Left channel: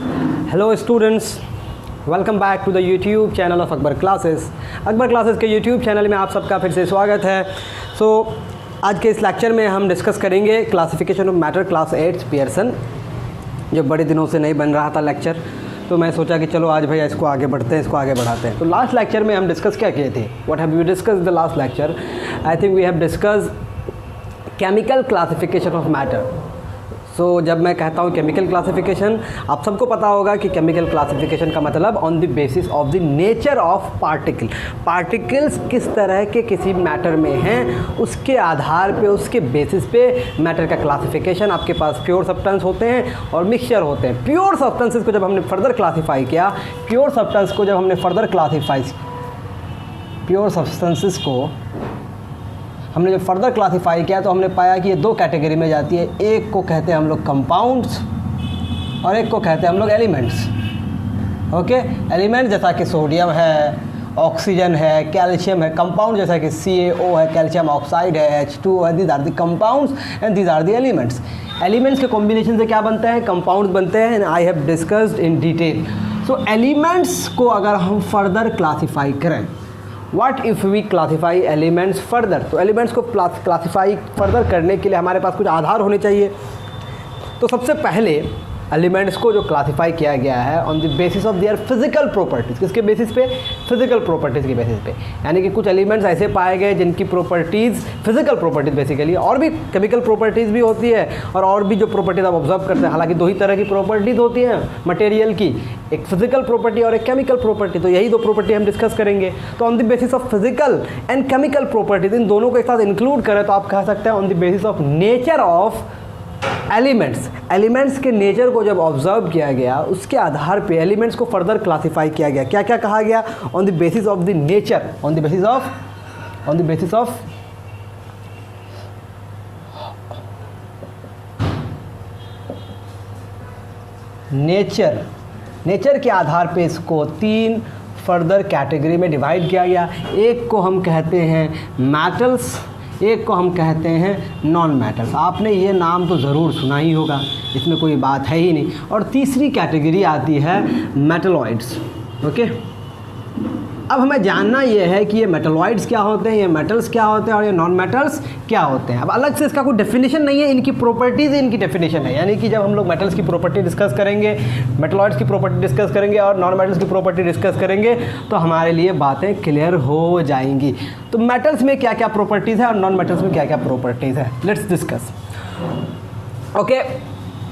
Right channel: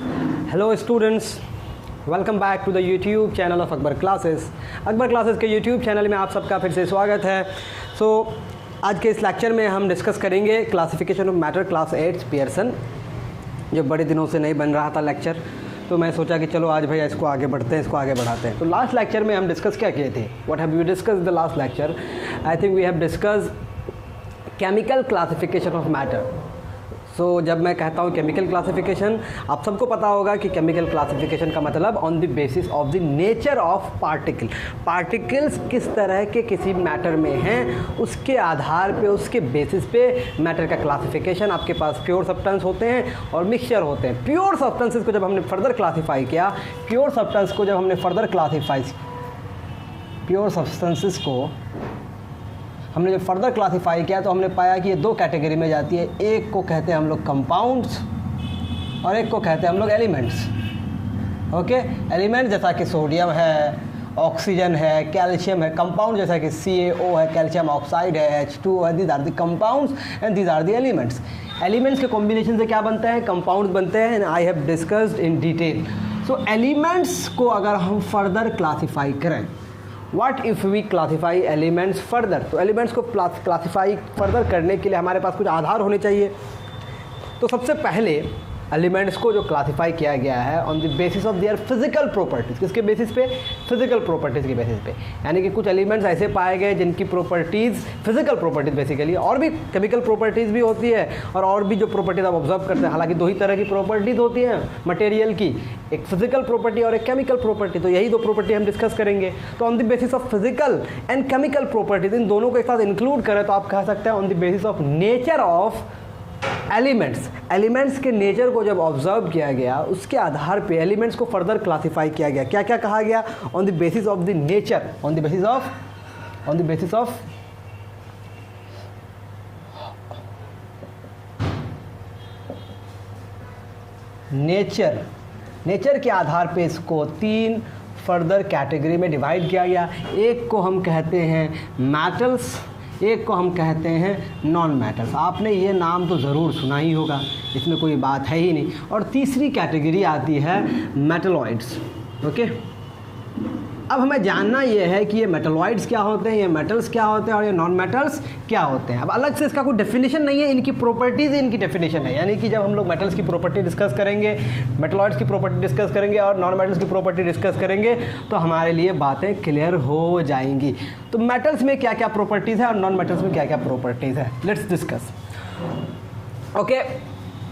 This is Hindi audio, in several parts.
Hello students, welcome back to the YouTube channel of Akbar classes. Akbar classes के यूट्यूब चैनल में आप सबका फिर से स्वागत है। आज के इस लेक्चर में हम डिस्कस करेंगे classification of matter class 8 Pearson, जो बड़े दिनों से नहीं बन रहा था लेक्चर, तो मैं सोचा कि चलो आज भैया इसको आगे बढ़ते हैं, इसको आगे बढ़ाते हैं। तो लास्ट लेक्चर में हम डिस्कस क्या किए थे? What have you discuss the last lecture? I think we have discuss chemical classification of matter. So जब मैं कहता हूँ केमिकल क्लासिफिकेशन, आप सबको पता होगा कि केमिकल क्लासिफिकेशन का मतलब on the basis of the nature of particles किस तरह के किसी मैटर में हैं, उसके आधार पे, उसके बेसिस पे मैटर का क्लासिफिकेशन। आपके पास प्योर सब्सटेंस होते हैं और मिक्सचर होते हैं। प्योर सब्सटेंसेस को जब हमने फर्दर क्लासीफाई किया, प्योर सब्सटेंसेस को हमने जब फर्दर क्लासीफाई किया तो हमने पाया कि ये दो कैटेगरी में जाती है। एक को कहते हैं हम लोग कंपाउंड्स और एक को कहते हैं हम लोग एलिमेंट्स। ओके, एलिमेंट जैसा कि सोडियम है, ऑक्सीजन है, कैल्शियम है। कंपाउंड जैसा कि CaO है, कैल्शियम ऑक्साइड है, H2O है। These are the compounds and these are the elements. Elements के कॉम्बिनेशन से क्या बनते हैं? कंपाउंड्स बनते हैं। And I have discussed in detail. So elements को अगर हम फर्दर क्लासीफाई करें, what if we classify elements further, तो एलिमेंट्स को क्लासीफाई फर्दर करने के लिए हमारे पास कुछ आधार होने चाहिए। तो सबसे पहले एलिमेंट्स को जो क्लासीफाई किया गया है on the basis of their physical properties. किसके बेसिस पे? फिजिकल प्रॉपर्टीज़ के बेसिस पे। यानी कि कुछ एलिमेंट्स ऐसे पाए गए जिनकी प्रॉपर्टीज़, फिजिकल प्रॉपर्टीज़ बेसिकली, और भी केमिकल प्रॉपर्टीज़ भी होती है और भी जो प्रॉपर्टीज़ आप ऑब्जर्व करते हैं। हालांकि दो ही तरह की प्रॉपर्टीज़ होती हैं मटेरियल की, एक फिजिकल प्रॉपर्टी और एक केमिकल प्रॉपर्टी। तो यही दो प्रॉपर्टी हम डिस्कस करेंगे। तो on the basis of physical and chemical properties, इन दोनों को एक साथ इंक्लूड करें तो आप कह सकते हैं on the basis of nature of elements के नेचर को जब ऑब्जर्व किया गया, उसके आधार पे एलिमेंट्स को फर्दर क्लासीफाई किया गया। क्या क्या कहा गया? On the basis of the nature, on the basis of nature के आधार पे इसको तीन फर्दर कैटेगरी में डिवाइड किया गया। एक को हम कहते हैं मेटल्स, एक को हम कहते हैं नॉन मेटल्स। आपने ये नाम तो ज़रूर सुना ही होगा, इसमें कोई बात है ही नहीं। और तीसरी कैटेगरी आती है मेटलॉइड्स। ओके, अब हमें जानना ये है कि ये मेटलॉइड्स क्या होते हैं, ये मेटल्स क्या होते हैं और ये नॉन मेटल्स क्या होते हैं। अब अलग से इसका कोई डेफिनेशन नहीं है, इनकी प्रॉपर्टीज़ इनकी डेफिनेशन है। यानी कि जब हम लोग मेटल्स की प्रॉपर्टी डिस्कस करेंगे, मेटलॉइड्स की प्रॉपर्टी डिस्कस करेंगे और नॉन मेटल्स की प्रॉपर्टी डिस्कस करेंगे तो हमारे लिए बातें क्लियर हो जाएंगी। तो मेटल्स में क्या क्या प्रॉपर्टीज़ है और नॉन मेटल्स में क्या क्या प्रॉपर्टीज़ है, लेट्स डिस्कस। ओके,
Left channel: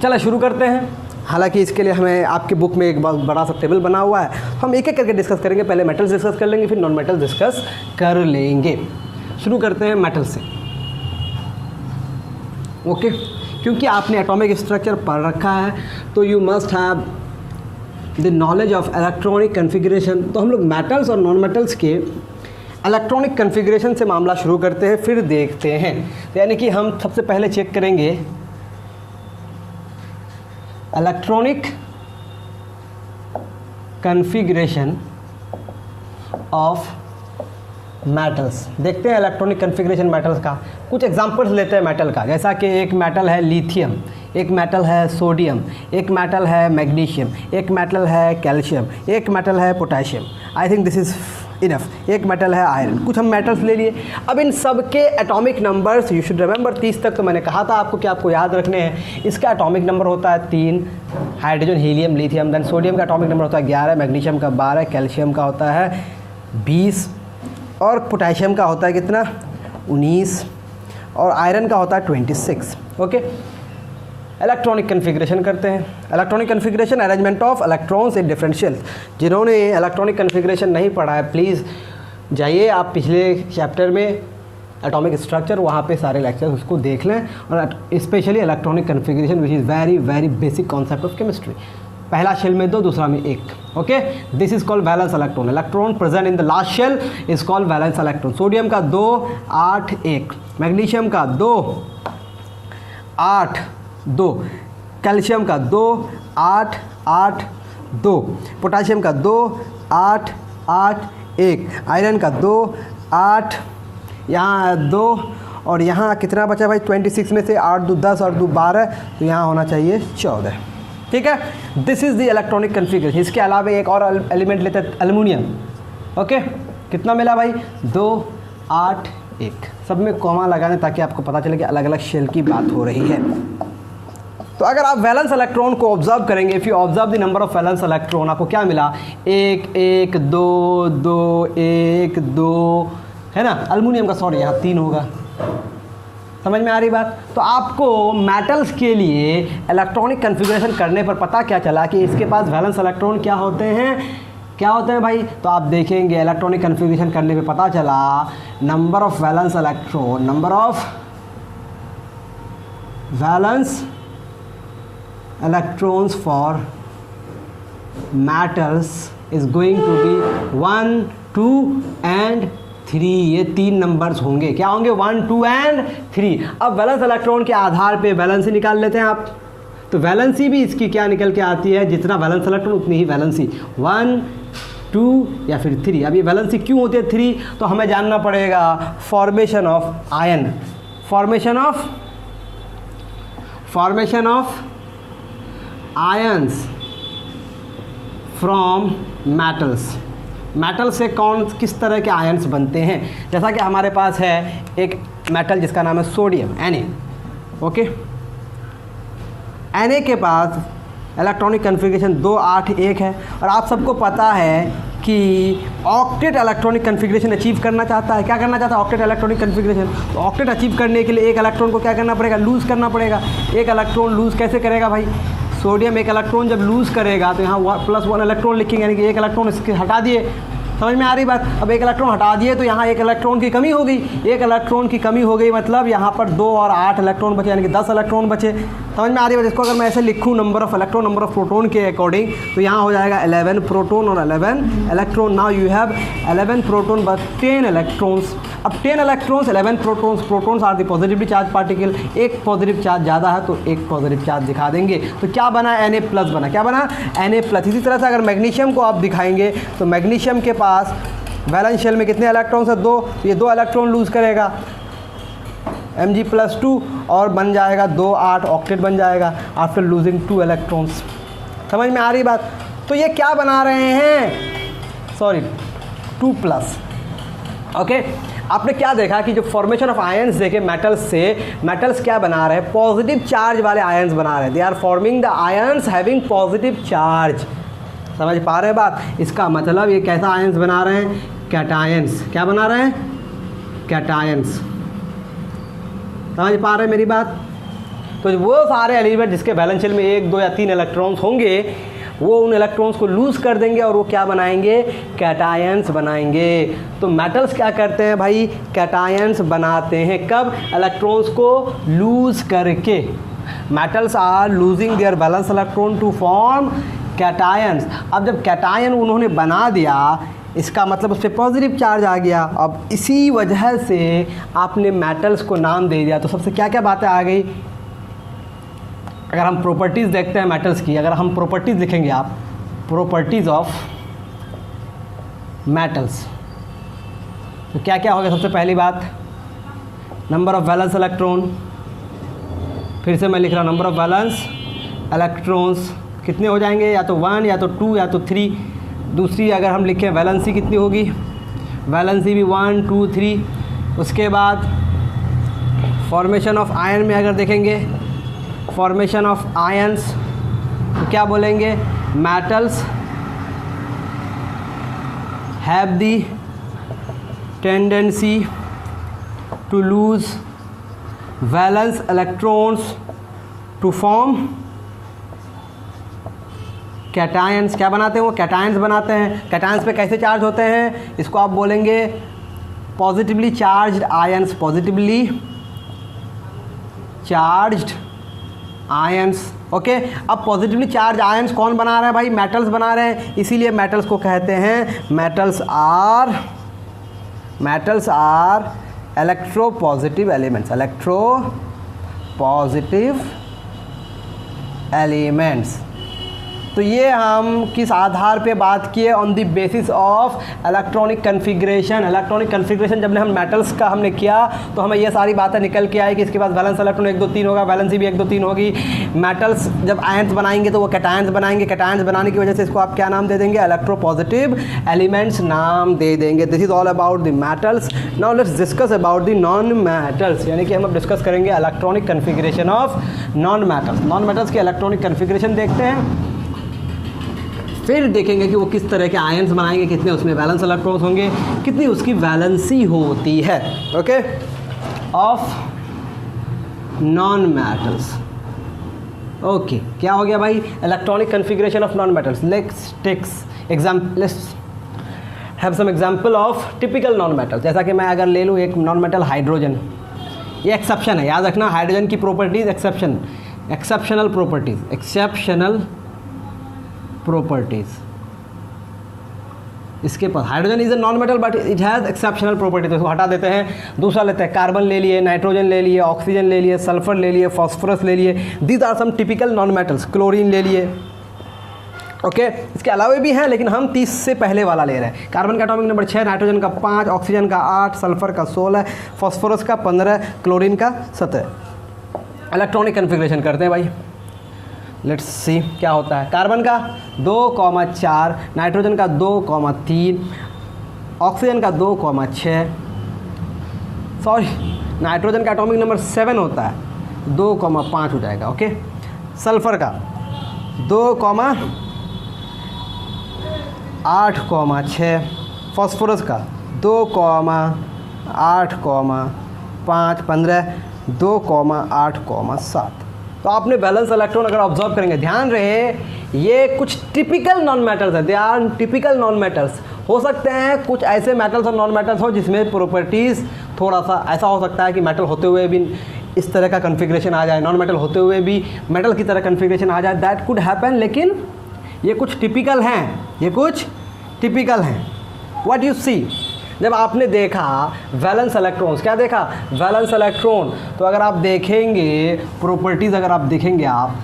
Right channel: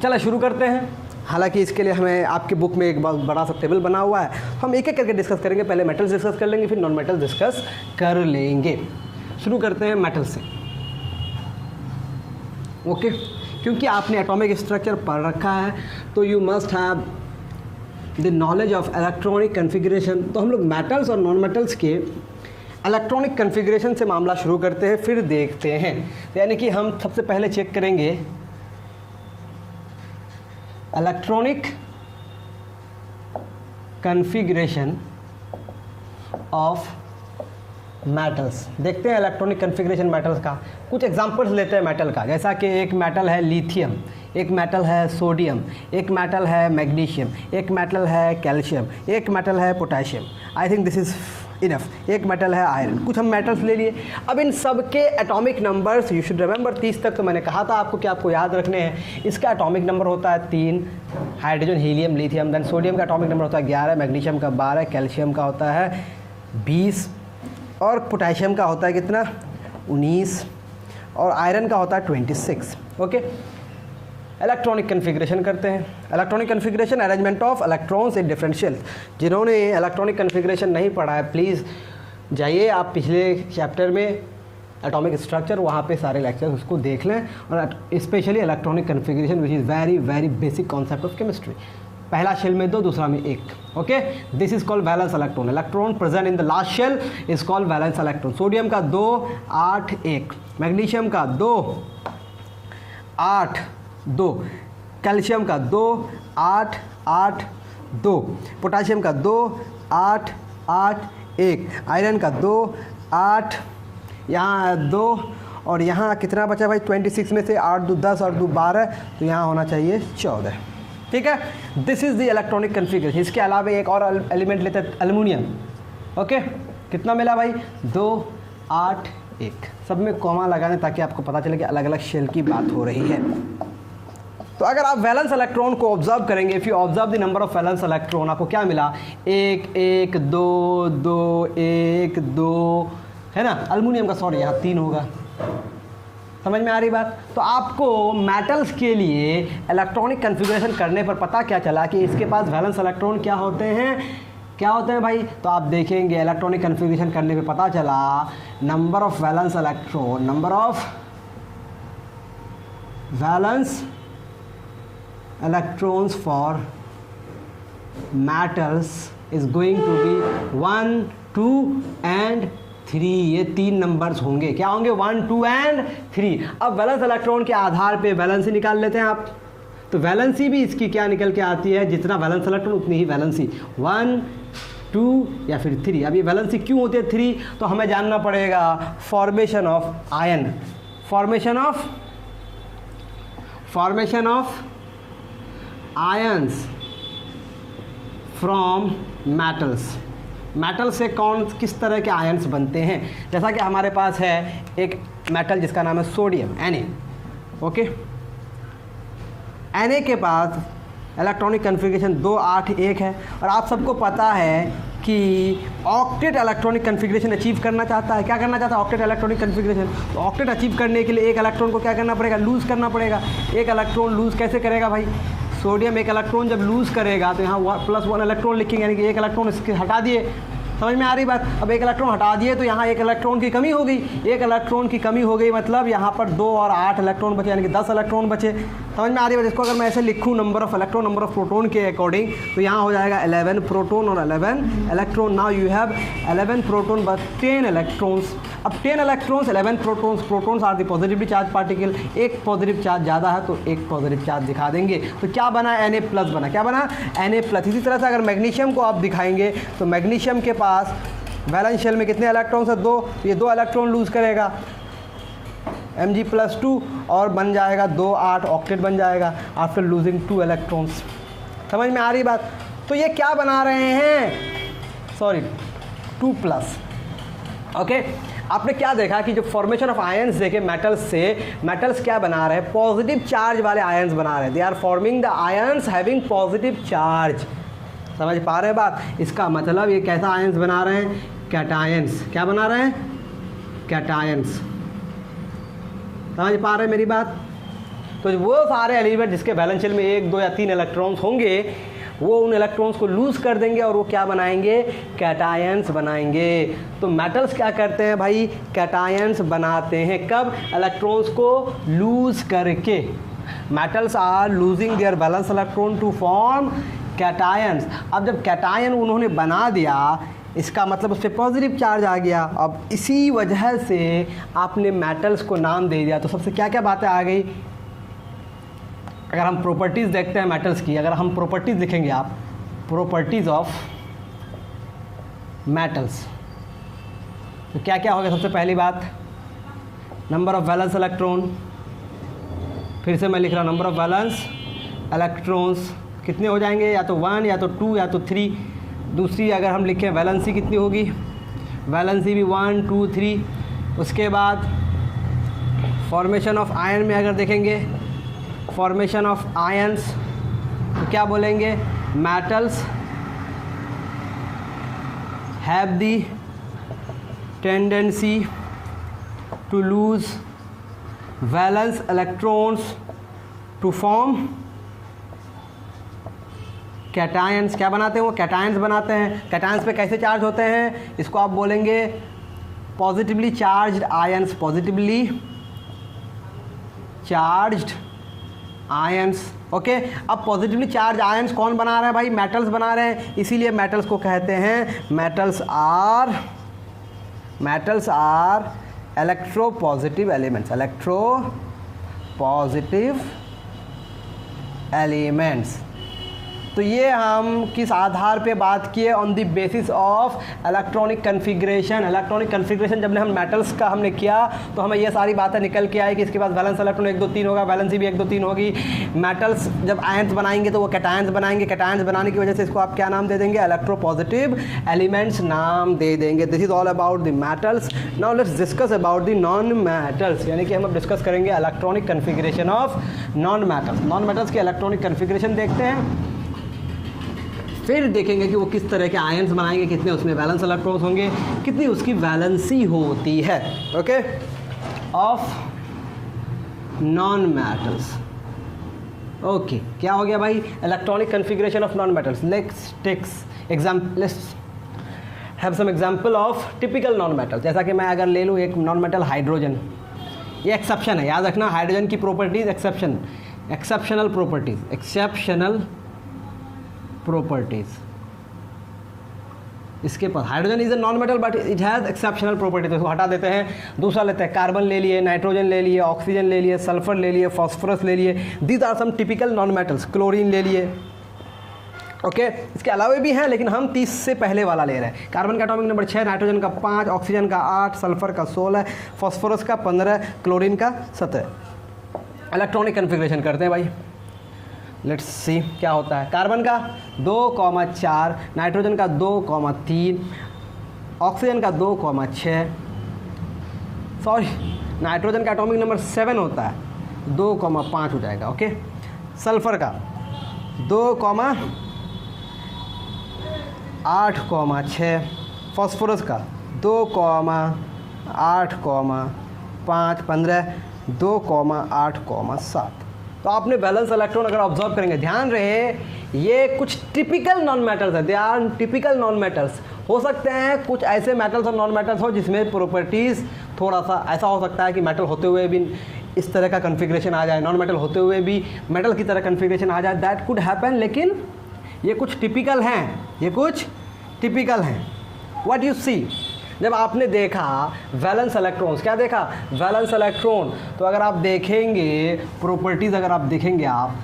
चलो शुरू करते हैं। हालांकि इसके लिए हमें आपकी बुक में एक बहुत बड़ा सा टेबल बना हुआ है, हम एक एक करके डिस्कस करेंगे। पहले मेटल्स डिस्कस कर लेंगे, फिर नॉन मेटल्स डिस्कस कर लेंगे। शुरू करते हैं मेटल से। ओके, क्योंकि आपने एटॉमिक स्ट्रक्चर पढ़ रखा है तो you must have the knowledge of electronic configuration. तो हम लोग मेटल्स और नॉन मेटल्स के इलेक्ट्रॉनिक कन्फिग्रेशन से मामला शुरू करते हैं, फिर देखते हैं। यानी कि हम सबसे पहले चेक करेंगे इलेक्ट्रॉनिक कन्फिग्रेशन ऑफ मेटल्स। देखते हैं इलेक्ट्रॉनिक कन्फिग्रेशन मेटल्स का। कुछ एग्जांपल्स लेते हैं मेटल का, जैसा कि एक मेटल है लिथियम, एक मेटल है सोडियम, एक मेटल है मैग्नीशियम, एक मेटल है कैल्शियम, एक मेटल है potassium. I think this is enough. एक मेटल है आयरन। कुछ हम मेटल्स ले लिए। अब इन सब के atomic numbers you should remember, 30 तक तो मैंने कहा था आपको कि आपको याद रखने हैं। इसका एटॉमिक नंबर होता है 3, hydrogen, helium, lithium. Then sodium का एटॉमिक नंबर होता है 11, मैग्नीशियम का 12, कैल्शियम का होता है 20 और पोटेशियम का होता है कितना? 19 और आयरन का होता है 26। ओके, इलेक्ट्रॉनिक कन्फिग्रेशन करते हैं। Electronic configuration, arrangement of electrons in differential. जिन्होंने इलेक्ट्रॉनिक कन्फिग्रेशन नहीं पढ़ा है, प्लीज़ जाइए आप पिछले चैप्टर में एटॉमिक स्ट्रक्चर, वहाँ पे सारे लेक्चर्स उसको देख लें। और specially electronic configuration which is very very basic concept of chemistry. पहला शेल में 2, दूसरा में 1। Okay, this is called valence electron. Electron present in the last shell is called valence electron. Sodium का 2, 8, 1, मैग्नीशियम का 2, 8, 2, कैल्शियम का 2, 8, 8, 2, पोटेशियम का 2, 8, 8, 1, आयरन का 2, 8, यहाँ 2 और यहाँ कितना बचा भाई? 26 में से 8 2 10 और 2 12, तो यहाँ होना चाहिए 14। ठीक है, this is the electronic configuration. इसके अलावा एक और एलिमेंट लेते हैं एल्युमिनियम। ओके, कितना मिला भाई? 2 8 1। सब में कॉमा लगाने ताकि आपको पता चले कि अलग अलग शेल की बात हो रही है। तो अगर आप वैलेंस इलेक्ट्रॉन को ऑब्जर्व करेंगे, if you observe the number of valence electron, आपको क्या मिला? 1 1 2 2 1 2, है ना? एल्युमिनियम का सॉरी यहाँ 3 होगा। समझ में आ रही बात? तो आपको मेटल्स के लिए इलेक्ट्रॉनिक कन्फिगरेशन करने पर पता क्या चला कि इसके पास वैलेंस इलेक्ट्रॉन क्या होते हैं, क्या होते हैं भाई? तो आप देखेंगे इलेक्ट्रॉनिक कन्फिगरेशन करने पे पता चला number of valence electron, number of valence electrons for metals is going to be 1 2 and 3। ये 3 नंबर्स होंगे। क्या होंगे? 1 2 and 3। अब वैलेंस इलेक्ट्रॉन के आधार पे वैलेंसी निकाल लेते हैं आप। तो वैलेंसी भी इसकी क्या निकल के आती है? जितना वैलेंस इलेक्ट्रॉन उतनी ही वैलेंसी, 1 2 या फिर 3। अब ये वैलेंसी क्यों होती है 3? तो हमें जानना पड़ेगा formation of ion, formation of ions from metal से किस तरह के आयन्स बनते हैं। जैसा कि हमारे पास है एक मेटल जिसका नाम है सोडियम, Na। ओके, Na के पास इलेक्ट्रॉनिक कन्फिगरेशन 2 8 1 है। और आप सबको पता है कि ऑक्टेट इलेक्ट्रॉनिक कन्फिगरेशन अचीव करना चाहता है। क्या करना चाहता है? Octet electronic configuration. तो ऑक्टेट अचीव करने के लिए एक इलेक्ट्रॉन को क्या करना पड़ेगा? लूज़ करना पड़ेगा। एक इलेक्ट्रॉन लूज़ कैसे करेगा भाई? सोडियम एक इलेक्ट्रॉन जब लूज़ करेगा तो यहाँ +1 इलेक्ट्रॉन लिखेंगे, यानी कि एक इलेक्ट्रॉन इसके हटा दिए। समझ में आ रही बात? अब एक इलेक्ट्रॉन हटा दिए तो यहाँ एक इलेक्ट्रॉन की कमी हो गई। एक इलेक्ट्रॉन की कमी हो गई मतलब यहाँ पर 2 और 8 इलेक्ट्रॉन बचे, यानी कि 10 इलेक्ट्रॉन बचे। समझ में आ रही बात? इसको अगर मैं ऐसे लिखूँ number of electron number of proton के अकॉर्डिंग, तो यहाँ हो जाएगा 11 प्रोटॉन और 11 electron. Now you have 11 proton but 10 electrons. अब 10 electrons 11 protons, protons are the positively charge particle. एक पॉजिटिव चार्ज ज़्यादा है तो एक पॉजिटिव चार्ज दिखा देंगे। तो क्या बना? Na+ बना। क्या बना? Na+। इसी तरह से अगर मैग्नीशियम को आप दिखाएंगे तो मैग्नीशियम के पास वैलेंस शेल में कितने इलेक्ट्रॉन्स है? 2। ये 2 इलेक्ट्रॉन लूज़ करेगा, Mg+2, और बन जाएगा 2 8 ऑक्टेट बन जाएगा आफ्टर लूजिंग 2 इलेक्ट्रॉन्स। समझ में आ रही बात? तो ये क्या बना रहे हैं? सॉरी, 2+। ओके, आपने क्या देखा कि जो फॉर्मेशन ऑफ आयन्स देखे मेटल्स से, मेटल्स क्या बना रहे हैं? पॉजिटिव चार्ज वाले आयन्स बना रहे हैं। They are forming the ions having positive charge. समझ पा रहे हैं बात? इसका मतलब ये कैसा आयन्स बना रहे हैं? कैटायंस। क्या बना रहे हैं? कैटायंस। समझ पा रहे हैं मेरी बात? तो वो सारे एलिमेंट जिसके वैलेंस शेल में 1 2 या 3 इलेक्ट्रॉन्स होंगे, वो उन इलेक्ट्रॉन्स को लूज़ कर देंगे और वो क्या बनाएंगे? कैटायंस बनाएंगे। तो मेटल्स क्या करते हैं भाई? कैटायंस बनाते हैं। कब? इलेक्ट्रॉन्स को लूज़ करके। Metals are losing their valence electron to form cations. अब जब कैटायन उन्होंने बना दिया, इसका मतलब उस पर पॉजिटिव चार्ज आ गया। अब इसी वजह से आपने मेटल्स को नाम दे दिया। तो सबसे क्या क्या बातें आ गई? अगर हम प्रॉपर्टीज़ देखते हैं मेटल्स की, अगर हम प्रॉपर्टीज़ लिखेंगे आप, प्रॉपर्टीज़ ऑफ मेटल्स, तो क्या क्या होगा? सबसे पहली बात, नंबर ऑफ वैलेंस इलेक्ट्रॉन। फिर से मैं लिख रहा हूँ, नंबर ऑफ वैलेंस इलेक्ट्रॉन्स कितने हो जाएंगे? या तो 1 या तो 2 या तो 3। दूसरी अगर हम लिखें वैलेंसी कितनी होगी? वैलेंसी भी 1 2 3। उसके बाद फॉर्मेशन ऑफ आयन में अगर देखेंगे, फॉर्मेशन ऑफ आयन्स, तो क्या बोलेंगे? Metals have the tendency to lose valence electrons to form cations. क्या बनाते हैं? वो कैटायंस बनाते हैं। कैटायंस पे कैसे चार्ज होते हैं? इसको आप बोलेंगे positively charged ions, positively charged ions. Okay, अब पॉजिटिवली चार्ज आयन्स कौन बना रहा है भाई? मेटल्स बना रहे हैं। इसीलिए मेटल्स को कहते हैं metals are electropositive elements, electropositive elements. तो ये हम किस आधार पे बात किए, on the basis of electronic configuration. Electronic configuration जब हम मेटल्स का हमने किया तो हमें ये सारी बातें निकल के आई कि इसके पास वैलेंस इलेक्ट्रॉन 1 2 3 होगा, वैलेंसी भी 1 2 3 होगी। मेटल्स जब आयंस बनाएंगे तो वो कैटायंस बनाएंगे, कैटायंस बनाने की वजह से इसको आप क्या नाम दे देंगे, इलेक्ट्रोपॉजिटिव एलिमेंट्स नाम दे देंगे। This is all about the metals. Now let's discuss about the non metals, यानी कि हम अब डिस्कस करेंगे electronic configuration of non metals. Non metals के इलेक्ट्रॉनिक कन्फिग्रेशन देखते हैं, फिर देखेंगे कि वो किस तरह के आयंस बनाएंगे, कितने उसमें वैलेंस इलेक्ट्रॉन्स होंगे, कितनी उसकी वैलेंसी होती है। Okay, of non metals. Okay, क्या हो गया भाई, electronic configuration of non metals. Let's have some example of typical non metal. जैसा कि मैं अगर ले लूँ एक नॉन मेटल हाइड्रोजन, ये एक्सेप्शन है, याद रखना, हाइड्रोजन की properties exception, exceptional properties, exceptional properties. इसके पास hydrogen is a non metal but it has exceptional properties, इसको हटा देते हैं। दूसरा लेते हैं, कार्बन ले लिए, नाइट्रोजन ले लिए, ऑक्सीजन ले लिए, सल्फर ले लिए, फास्फोरस ले लिए। These are some typical non metals. Chlorine ले लिए। ओके, इसके अलावा भी हैं लेकिन हम 30 से पहले वाला ले रहे हैं। कार्बन का एटॉमिक नंबर 6, नाइट्रोजन का 5, ऑक्सीजन का 8, सल्फर का 16, फास्फोरस का 15, क्लोरीन का 17। इलेक्ट्रॉनिक कन्फिग्रेशन करते हैं भाई, लेट्स सी क्या होता है। कार्बन का 2,4, नाइट्रोजन का 2,3, ऑक्सीजन का 2,6, सॉरी नाइट्रोजन का एटॉमिक नंबर 7 होता है, 2,5 हो जाएगा। ओके, सल्फर का 2,8,6, फास्फोरस का 2,8,5, 15, 2,8,7। तो आपने बैलेंस इलेक्ट्रॉन अगर ऑब्जर्व करेंगे, ध्यान रहे ये कुछ टिपिकल नॉन मेटल्स है, they are typical non metals. हो सकते हैं कुछ ऐसे मेटल्स और नॉन मेटल्स हो जिसमें प्रॉपर्टीज़ थोड़ा सा ऐसा हो सकता है कि मेटल होते हुए भी इस तरह का कन्फिग्रेशन आ जाए, नॉन मेटल होते हुए भी मेटल की तरह कन्फिग्रेशन आ जाए, दैट कुड हैपन। लेकिन ये कुछ टिपिकल हैं, ये कुछ टिपिकल हैं। व्हाट यू सी, जब आपने देखा वैलेंस इलेक्ट्रॉन्स, क्या देखा, वैलेंस इलेक्ट्रॉन, तो अगर आप देखेंगे प्रॉपर्टीज़, अगर आप देखेंगे आप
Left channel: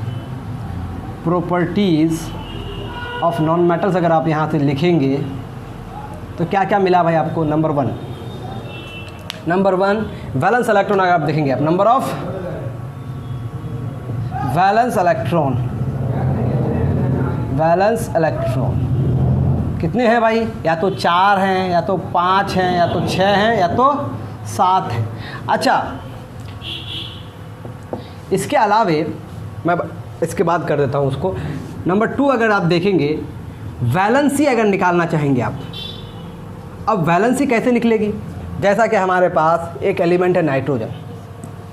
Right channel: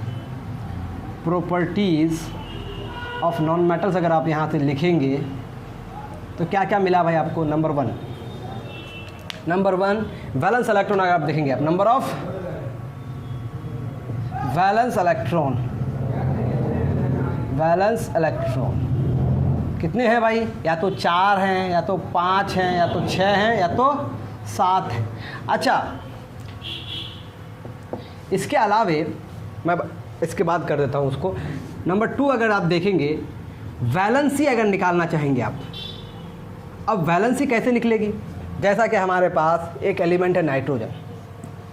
प्रॉपर्टीज़ ऑफ नॉन मेटल्स अगर आप यहाँ से लिखेंगे तो क्या क्या मिला भाई आपको। नंबर वन वैलेंस इलेक्ट्रॉन अगर आप देखेंगे आप, नंबर ऑफ वैलेंस इलेक्ट्रॉन कितने हैं भाई, या तो 4 हैं, या तो 5 हैं, या तो 6 हैं, या तो 7 हैं। अच्छा, इसके अलावे मैं इसके बाद कर देता हूँ उसको। नंबर 2 अगर आप देखेंगे, वैलेंसी अगर निकालना चाहेंगे आप, अब वैलेंसी कैसे निकलेगी, जैसा कि हमारे पास एक एलिमेंट है नाइट्रोजन,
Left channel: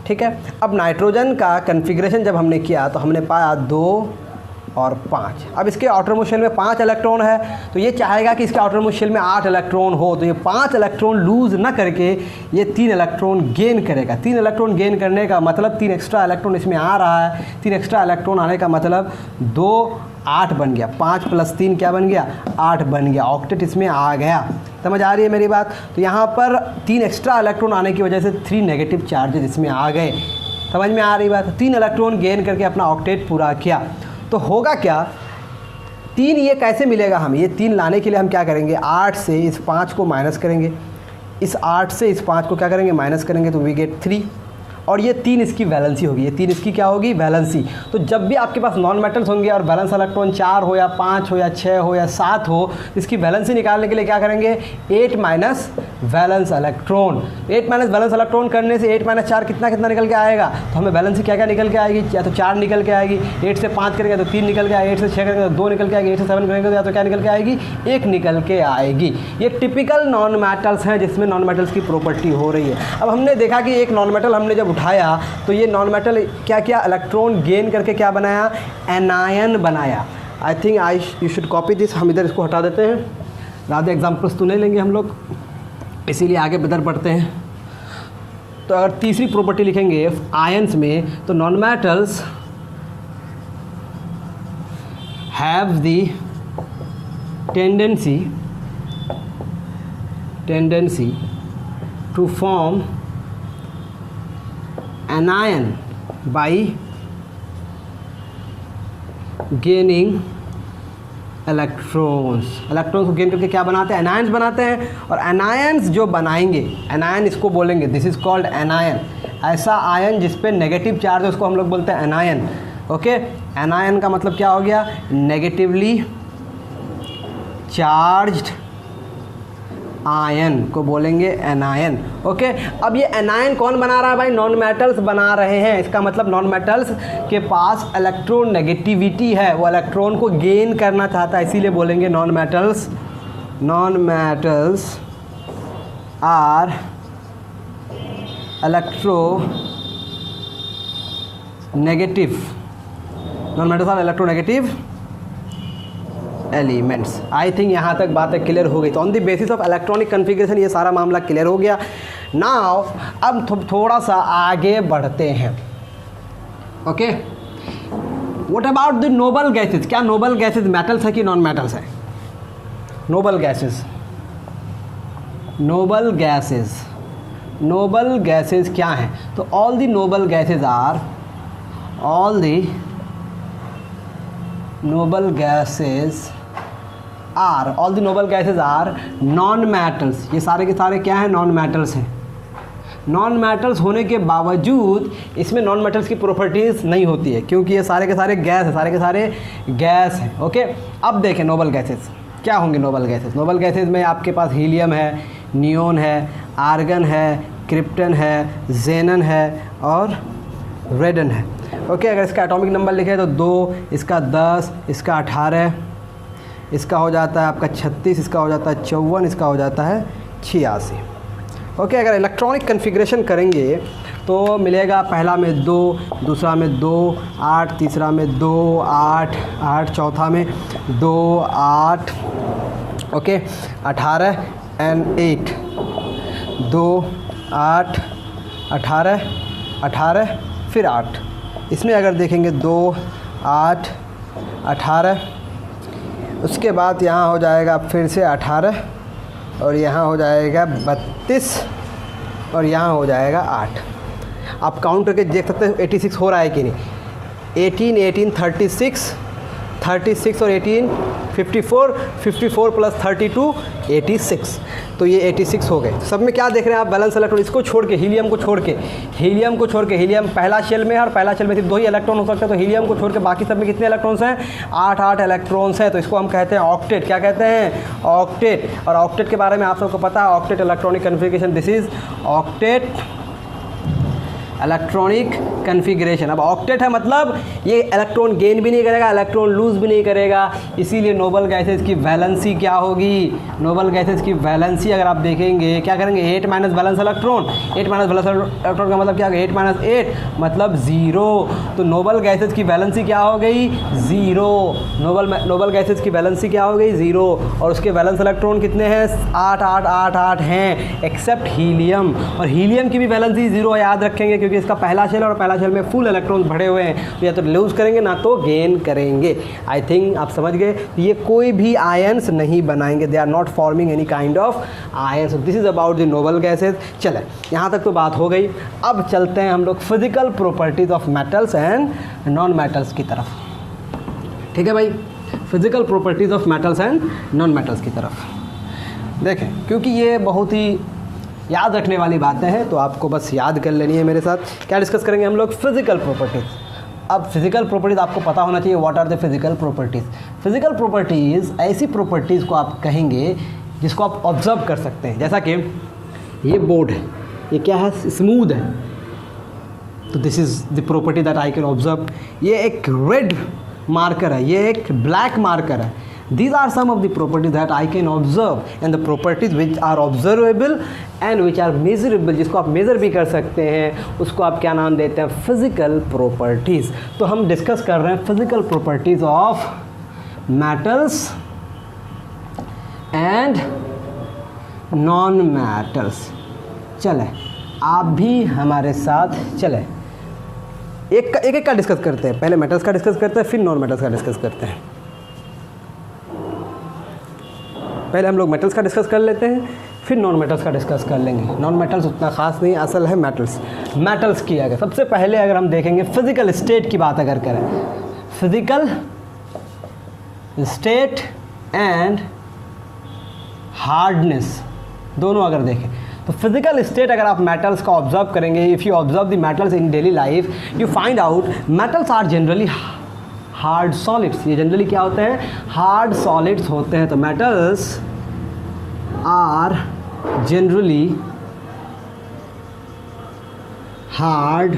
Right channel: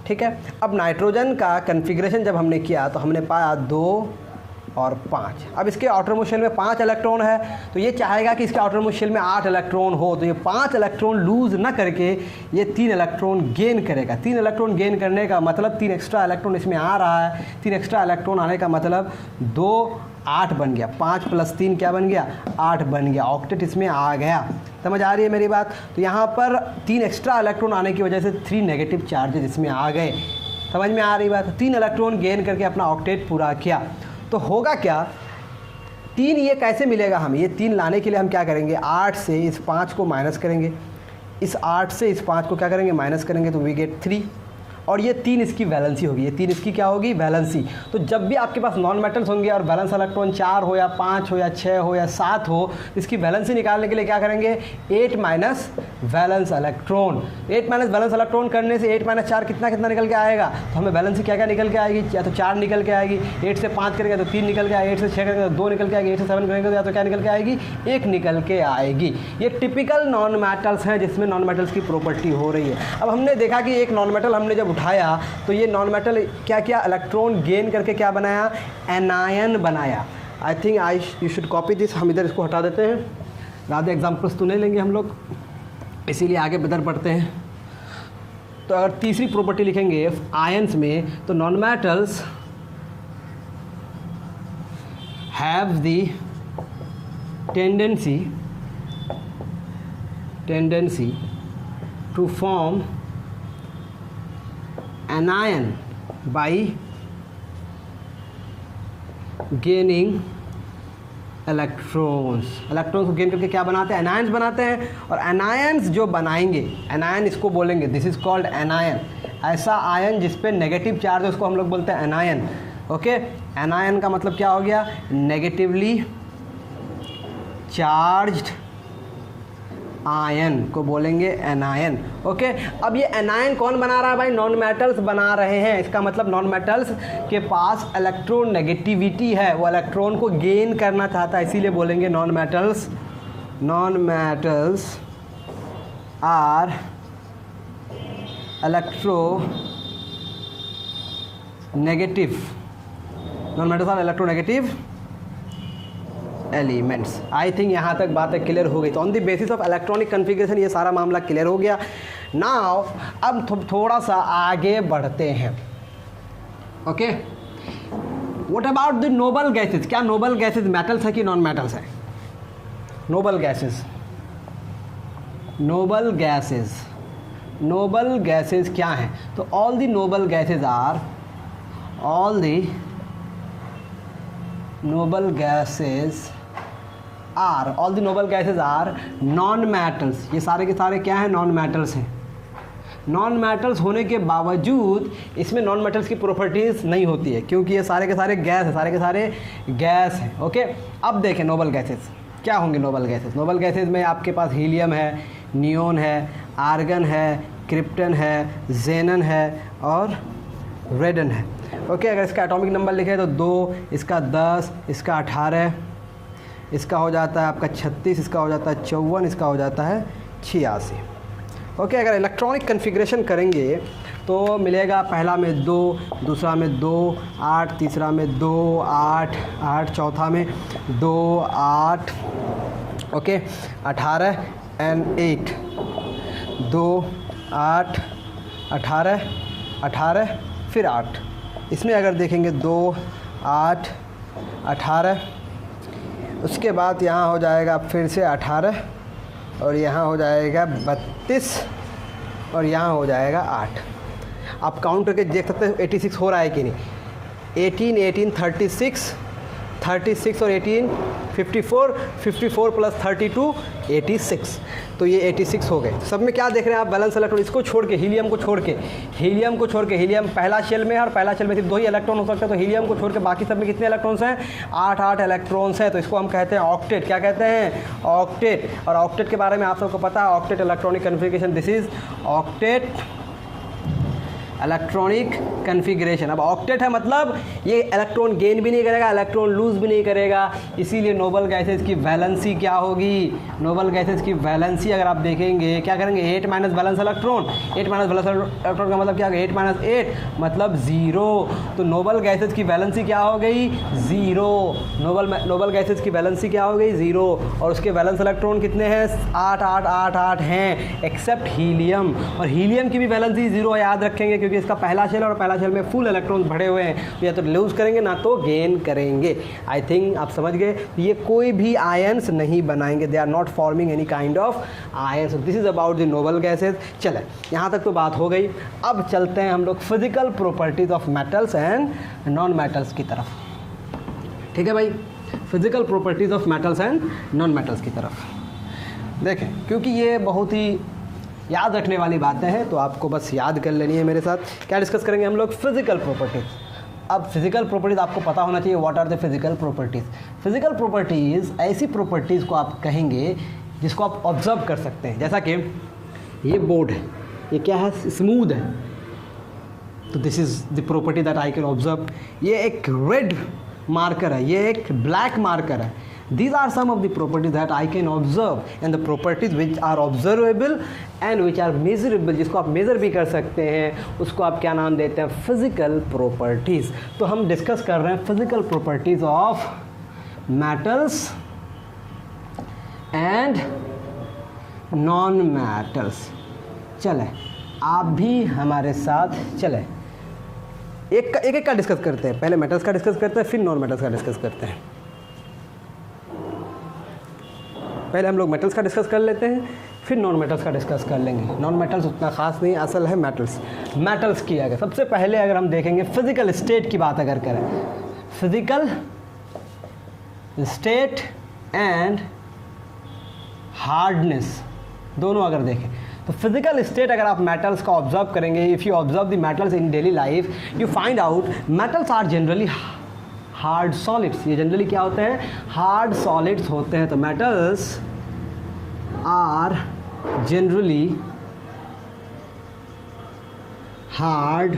ठीक है। अब नाइट्रोजन का कन्फिग्रेशन जब हमने किया तो हमने पाया 2 और 5। अब इसके आउटरमोस्ट शेल में 5 इलेक्ट्रॉन है, तो ये चाहेगा कि इसके आउटरमोस्ट शेल में 8 इलेक्ट्रॉन हो, तो ये 5 इलेक्ट्रॉन लूज़ ना करके ये 3 इलेक्ट्रॉन गेन करेगा। 3 इलेक्ट्रॉन गेन करने का मतलब 3 एक्स्ट्रा इलेक्ट्रॉन इसमें आ रहा है, 3 एक्स्ट्रा इलेक्ट्रॉन आने का मतलब 2 8 बन गया, 5 + 3 क्या बन गया, 8 बन गया, ऑक्टेट इसमें आ गया। समझ आ रही है मेरी बात। तो यहाँ पर 3 एक्स्ट्रा इलेक्ट्रॉन आने की वजह से 3 नेगेटिव चार्जेस इसमें आ गए। समझ में आ रही बात। 3 इलेक्ट्रॉन गेन करके अपना ऑक्टेट पूरा किया, तो होगा क्या, 3 ये कैसे मिलेगा हमें, ये 3 लाने के लिए हम क्या करेंगे, 8 से इस 5 को माइनस करेंगे, इस 8 से इस 5 को क्या करेंगे, माइनस करेंगे, तो वी गेट 3। और ये 3 इसकी वैलेंसी होगी, ये 3 इसकी क्या होगी, वैलेंसी। तो जब भी आपके पास नॉन मेटल्स होंगे और वैलेंस इलेक्ट्रॉन 4 हो या 5 हो या 6 हो या 7 हो, इसकी वैलेंसी निकालने के लिए क्या करेंगे, 8 minus valence electron. 8 minus valence electron करने से 8 माइनस 4 कितना निकल के आएगा, तो हमें वैलेंसी क्या क्या निकल के आएगी, या तो 4 निकल के आएगी, 8 से 5 करेंगे तो 3 निकल के आएगी, 8 से 6 करेंगे तो 2 निकल के आएगी, 8 से 7 करेंगे तो या तो क्या निकल के आएगी, 1 निकल के आएगी। ये टिपिकल नॉन मेटल्स हैं जिसमें नॉन मेटल्स की प्रॉपर्टी हो रही है। अब हमने देखा कि एक नॉन मेटल हमने जब उठाया तो ये नॉन मेटल क्या क्या इलेक्ट्रॉन गेन करके क्या बनाया, एनायन बनाया। I think you should copy this. हम इधर इसको हटा देते हैं, ज़्यादा एग्जाम्पल्स तो नहीं लेंगे हम लोग, इसीलिए आगे इधर पढ़ते हैं। तो अगर तीसरी प्रॉपर्टी लिखेंगे आयंस में, तो non metals have the tendency to form anion by gaining electrons. Electrons को गेन करके क्या बनाते हैं? एनायंस बनाते हैं। और एनायंस जो बनाएंगे, एनायन इसको बोलेंगे, दिस इज कॉल्ड एनायन। ऐसा आयन जिस पे नेगेटिव चार्ज है उसको हम लोग बोलते हैं एनायन। ओके, एनायन का मतलब क्या हो गया? नेगेटिवली चार्ज्ड आयन को बोलेंगे एनायन। ओके, अब ये एनायन कौन बना रहा है भाई? नॉन मेटल्स बना रहे हैं। इसका मतलब नॉन मेटल्स के पास इलेक्ट्रॉन नेगेटिविटी है, वो इलेक्ट्रॉन को गेन करना चाहता है, इसीलिए बोलेंगे non metals. Non metals are electronegative, non metals are electronegative elements. I think यहाँ तक बातें क्लियर हो गई। तो on the basis of electronic configuration ये सारा मामला क्लियर हो गया। नाउ अब थोड़ा सा आगे बढ़ते हैं। Okay, what about the noble gases? क्या नोबल गैसेस मेटल्स है कि नॉन मेटल्स है? Noble gases, noble gases, noble gases क्या हैं? तो all the noble gases are, all the noble gases are, all the noble gases are non metals. ये सारे के सारे क्या हैं? नॉन मेटल्स हैं। नॉन मेटल्स होने के बावजूद इसमें नॉन मेटल्स की प्रॉपर्टीज़ नहीं होती है, क्योंकि ये सारे के सारे गैस है, सारे के सारे गैस हैं। ओके, अब देखें नोबल गैसेस क्या होंगे। नोबल गैसेस, नोबल गैसेस में आपके पास हीलियम है, नियोन है, आर्गन है, क्रिप्टन है, जेनन है और रेडन है। ओके, अगर इसका एटॉमिक नंबर लिखे तो 2, इसका 10, इसका 18, इसका हो जाता है आपका 36, इसका हो जाता है 54, इसका हो जाता है 86। ओके, अगर इलेक्ट्रॉनिक कन्फिग्रेशन करेंगे तो मिलेगा पहला में 2, दूसरा में 2, 8, तीसरा में 2, 8, 8, चौथा में 2, 8, ओके, 18 एंड 8, 2, 8, 18, 18 फिर 8। इसमें अगर देखेंगे 2, 8, 18, उसके बाद यहाँ हो जाएगा फिर से 18 और यहाँ हो जाएगा 32 और यहाँ हो जाएगा 8। आप काउंट करके देख सकते हैं 86 हो रहा है कि नहीं। 18, 18, 36, 36 और 18 54, 54 प्लस 32 86। तो ये 86 हो गए। सब में क्या देख रहे हैं आप? Balance electron. इसको छोड़ के, हीलियम को छोड़ के, हीलियम को छोड़ के, हीलियम पहला शेल में है और पहला शेल में सिर्फ 2 ही इलेक्ट्रॉन हो सकते हैं। तो हीलियम को छोड़ के बाकी सब में कितने इलेक्ट्रॉन्स हैं? 8 इलेक्ट्रॉन्स हैं। तो इसको हम कहते हैं ऑक्टेट। क्या कहते हैं? ऑक्टेट। और ऑक्टेट के बारे में आप सबको पता है, octet electronic configuration, this is octet electronic configuration. अब ऑक्टेट है मतलब ये इलेक्ट्रॉन गेन भी नहीं करेगा, इलेक्ट्रॉन लूज भी नहीं करेगा। इसीलिए नोबल गैसेस की वैलेंसी क्या होगी? नोबल गैसेस की वैलेंसी अगर आप देखेंगे क्या करेंगे? 8 minus balance electron. 8 minus balance electron का मतलब क्या होगा? 8 माइनस 8 मतलब 0। तो नोबल गैसेस की वैलेंसी क्या हो गई? 0। नोबल गैसेस की वैलेंसी क्या हो गई? 0। और उसके वैलेंस इलेक्ट्रॉन कितने हैं? 8 8 8 8 हैं, एक्सेप्ट हीलियम। और हीलियम की भी वैलेंसी 0 है, याद रखेंगे, क्योंकि इसका पहला शेल और पहला शेल में फुल इलेक्ट्रॉन्स भरे हुए हैं। तो या तो लूज करेंगे ना तो गेन करेंगे। आई थिंक आप समझ गए। ये कोई भी आयंस नहीं बनाएंगे, they are not forming any kind of ions. This is about the noble gases. चले, यहाँ तक तो बात हो गई। अब चलते हैं हम लोग physical properties of metals and non metals की तरफ। ठीक है भाई, physical properties of metals and non metals की तरफ देखें, क्योंकि ये बहुत ही याद रखने वाली बातें हैं, तो आपको बस याद कर लेनी है मेरे साथ। क्या डिस्कस करेंगे हम लोग? Physical properties. अब फिजिकल प्रॉपर्टीज़ आपको पता होना चाहिए, what are the physical properties. Physical properties ऐसी प्रॉपर्टीज़ को आप कहेंगे जिसको आप ऑब्जर्व कर सकते हैं। जैसा कि ये बोर्ड है, ये क्या है? स्मूथ है, तो this is the property that I can observe. ये एक रेड मार्कर है, ये एक ब्लैक मार्कर है। These are some of the properties that I can observe, and the properties which are observable and which are measurable, जिसको आप मेज़र भी कर सकते हैं, उसको आप क्या नाम देते हैं? Physical properties. तो हम डिस्कस कर रहे हैं physical properties of metals and non metals. चले, आप भी हमारे साथ चले, एक का डिस्कस करते हैं। पहले मेटल्स का डिस्कस करते हैं, फिर नॉन मेटल्स का डिस्कस करते हैं। पहले हम लोग मेटल्स का डिस्कस कर लेते हैं, फिर नॉन मेटल्स का डिस्कस कर लेंगे। नॉन मेटल्स उतना ख़ास नहीं, असल है मेटल्स। मेटल्स की अगर सबसे पहले अगर हम देखेंगे फिजिकल स्टेट की बात अगर करें, फिजिकल स्टेट एंड हार्डनेस, दोनों अगर देखें तो फिजिकल स्टेट अगर आप मेटल्स का ऑब्जर्व करेंगे, if you observe the metals in daily life you find out metals are generally hard solids. ये जनरली क्या होते हैं? हार्ड सॉलिड्स होते हैं। तो metals are generally hard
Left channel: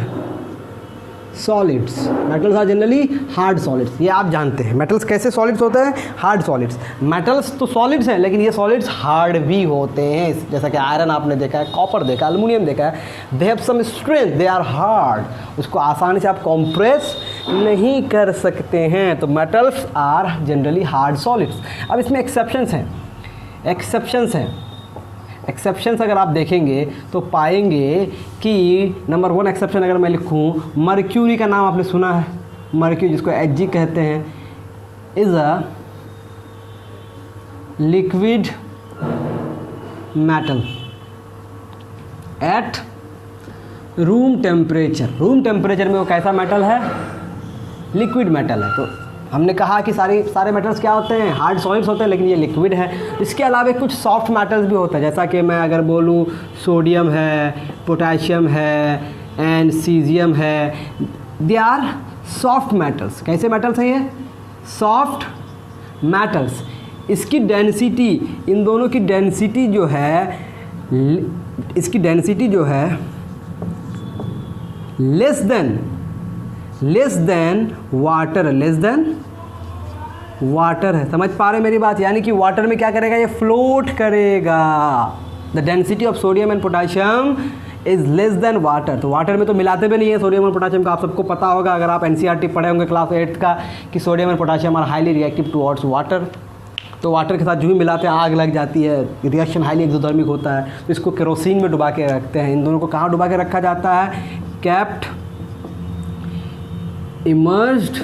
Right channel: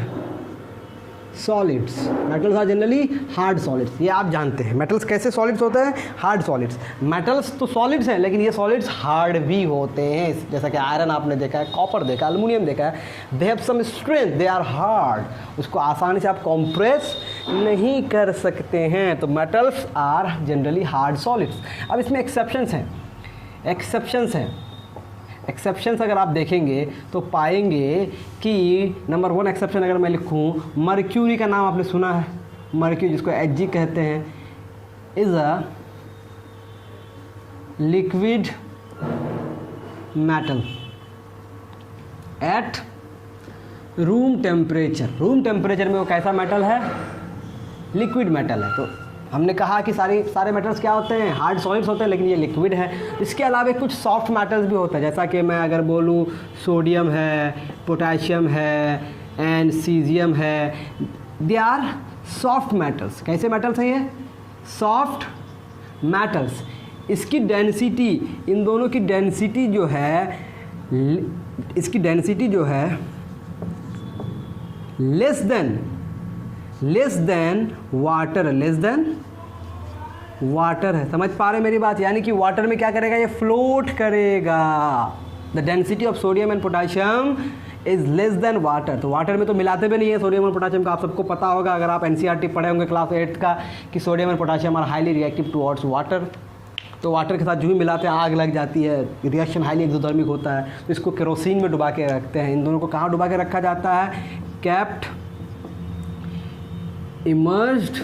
solids. Metals are generally hard solids, ये आप जानते हैं। मेटल्स कैसे सॉलिड्स होते हैं? Hard solids. मेटल्स तो सॉलिड्स हैं लेकिन ये सॉलिड्स हार्ड भी होते हैं, जैसा कि आयरन आपने देखा है, कॉपर देखा है, एल्युमिनियम देखा है। They have some strength, they are hard, उसको आसानी से आप कॉम्प्रेस नहीं कर सकते हैं। तो metals are generally hard solids. अब इसमें एक्सेप्शंस हैं, एक्सेप्शंस अगर आप देखेंगे तो पाएंगे कि नंबर 1 एक्सेप्शन अगर मैं लिखूं, मर्क्यूरी का नाम आपने सुना है, मर्क्यूरी जिसको Hg कहते हैं, is a liquid metal at room temperature. Room temperature में वो कैसा मेटल है? लिक्विड मेटल है। तो हमने कहा कि सारे मेटल्स क्या होते हैं? हार्ड सॉलिड्स होते हैं, लेकिन ये लिक्विड है। इसके अलावा कुछ सॉफ्ट मेटल्स भी होते हैं, जैसा कि मैं अगर बोलूँ सोडियम है, पोटेशियम है एंड सीजियम है, दे आर सॉफ्ट मेटल्स। कैसे मेटल्स हैं ये? Soft metals. इसकी डेंसिटी, इन दोनों की डेंसिटी जो है, इसकी डेंसिटी जो है लेस देन वाटर है। समझ पा रहे मेरी बात? यानी कि वाटर में क्या करेगा? ये फ्लोट करेगा। The density of sodium and potassium is less than water. तो वाटर में तो मिलाते भी नहीं है सोडियम और पोटेशियम का। आप सबको पता होगा अगर आप एनसीईआरटी पढ़े होंगे क्लास 8 का, कि sodium and potassium are highly reactive towards water. तो वाटर के साथ जो भी मिलाते हैं आग लग जाती है, रिएक्शन हाईली एक्सोथर्मिक होता है। तो इसको केरोसिन में डुबा के रखते हैं। इन दोनों को कहाँ डुबा के रखा जाता है? केप्ट इमर्ज्ड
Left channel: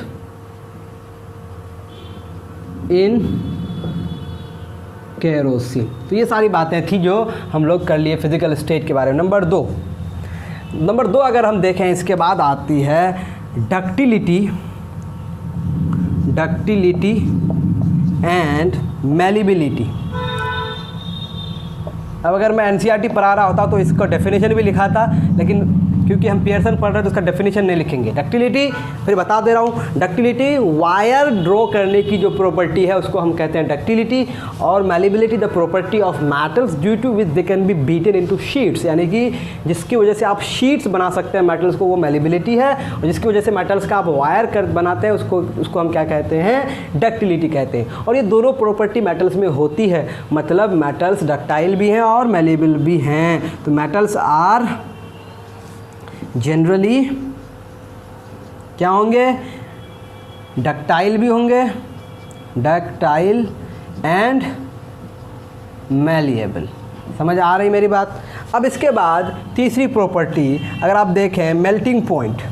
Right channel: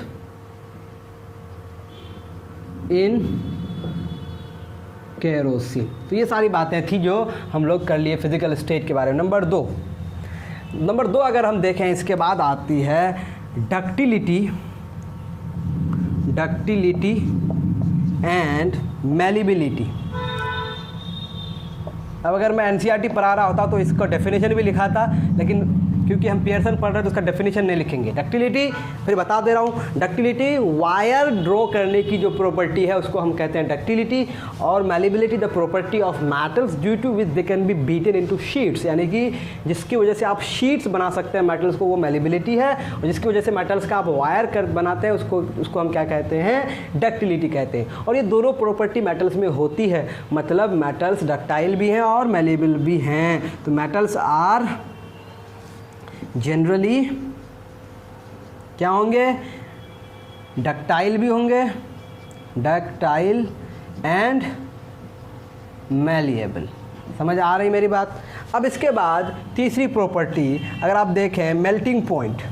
इन केरोसिन। तो ये सारी बातें थी जो हम लोग कर लिए फिजिकल स्टेट के बारे में। नंबर दो अगर हम देखें, इसके बाद आती है डक्टिलिटी एंड मैलिबिलिटी। अब अगर मैं एनसीईआरटी पढ़ा रहा होता तो इसका डेफिनेशन भी लिखा था, लेकिन क्योंकि हम पियर्सन पढ़ रहे हैं तो उसका डेफिनेशन नहीं लिखेंगे। डक्टिलिटी फिर बता दे रहा हूँ, डक्टिलिटी वायर ड्रॉ करने की जो प्रॉपर्टी है उसको हम कहते हैं डक्टिलिटी। और malleability the property of metals due to which they can be beaten into sheets, यानी कि जिसकी वजह से आप शीट्स बना सकते हैं मेटल्स को, वो मैलिबिलिटी है। और जिसकी वजह से मेटल्स का आप वायर कर बनाते हैं उसको हम क्या कहते हैं? डक्टिलिटी कहते हैं। और ये दोनों प्रॉपर्टी मेटल्स में होती है, मतलब मेटल्स डक्टाइल भी हैं और मैलिबल भी हैं। तो मेटल्स आर जनरली क्या होंगे? डक्टाइल भी होंगे, डक्टाइल एंड मैलिएबल। समझ आ रही मेरी बात? अब इसके बाद तीसरी प्रॉपर्टी अगर आप देखें, melting points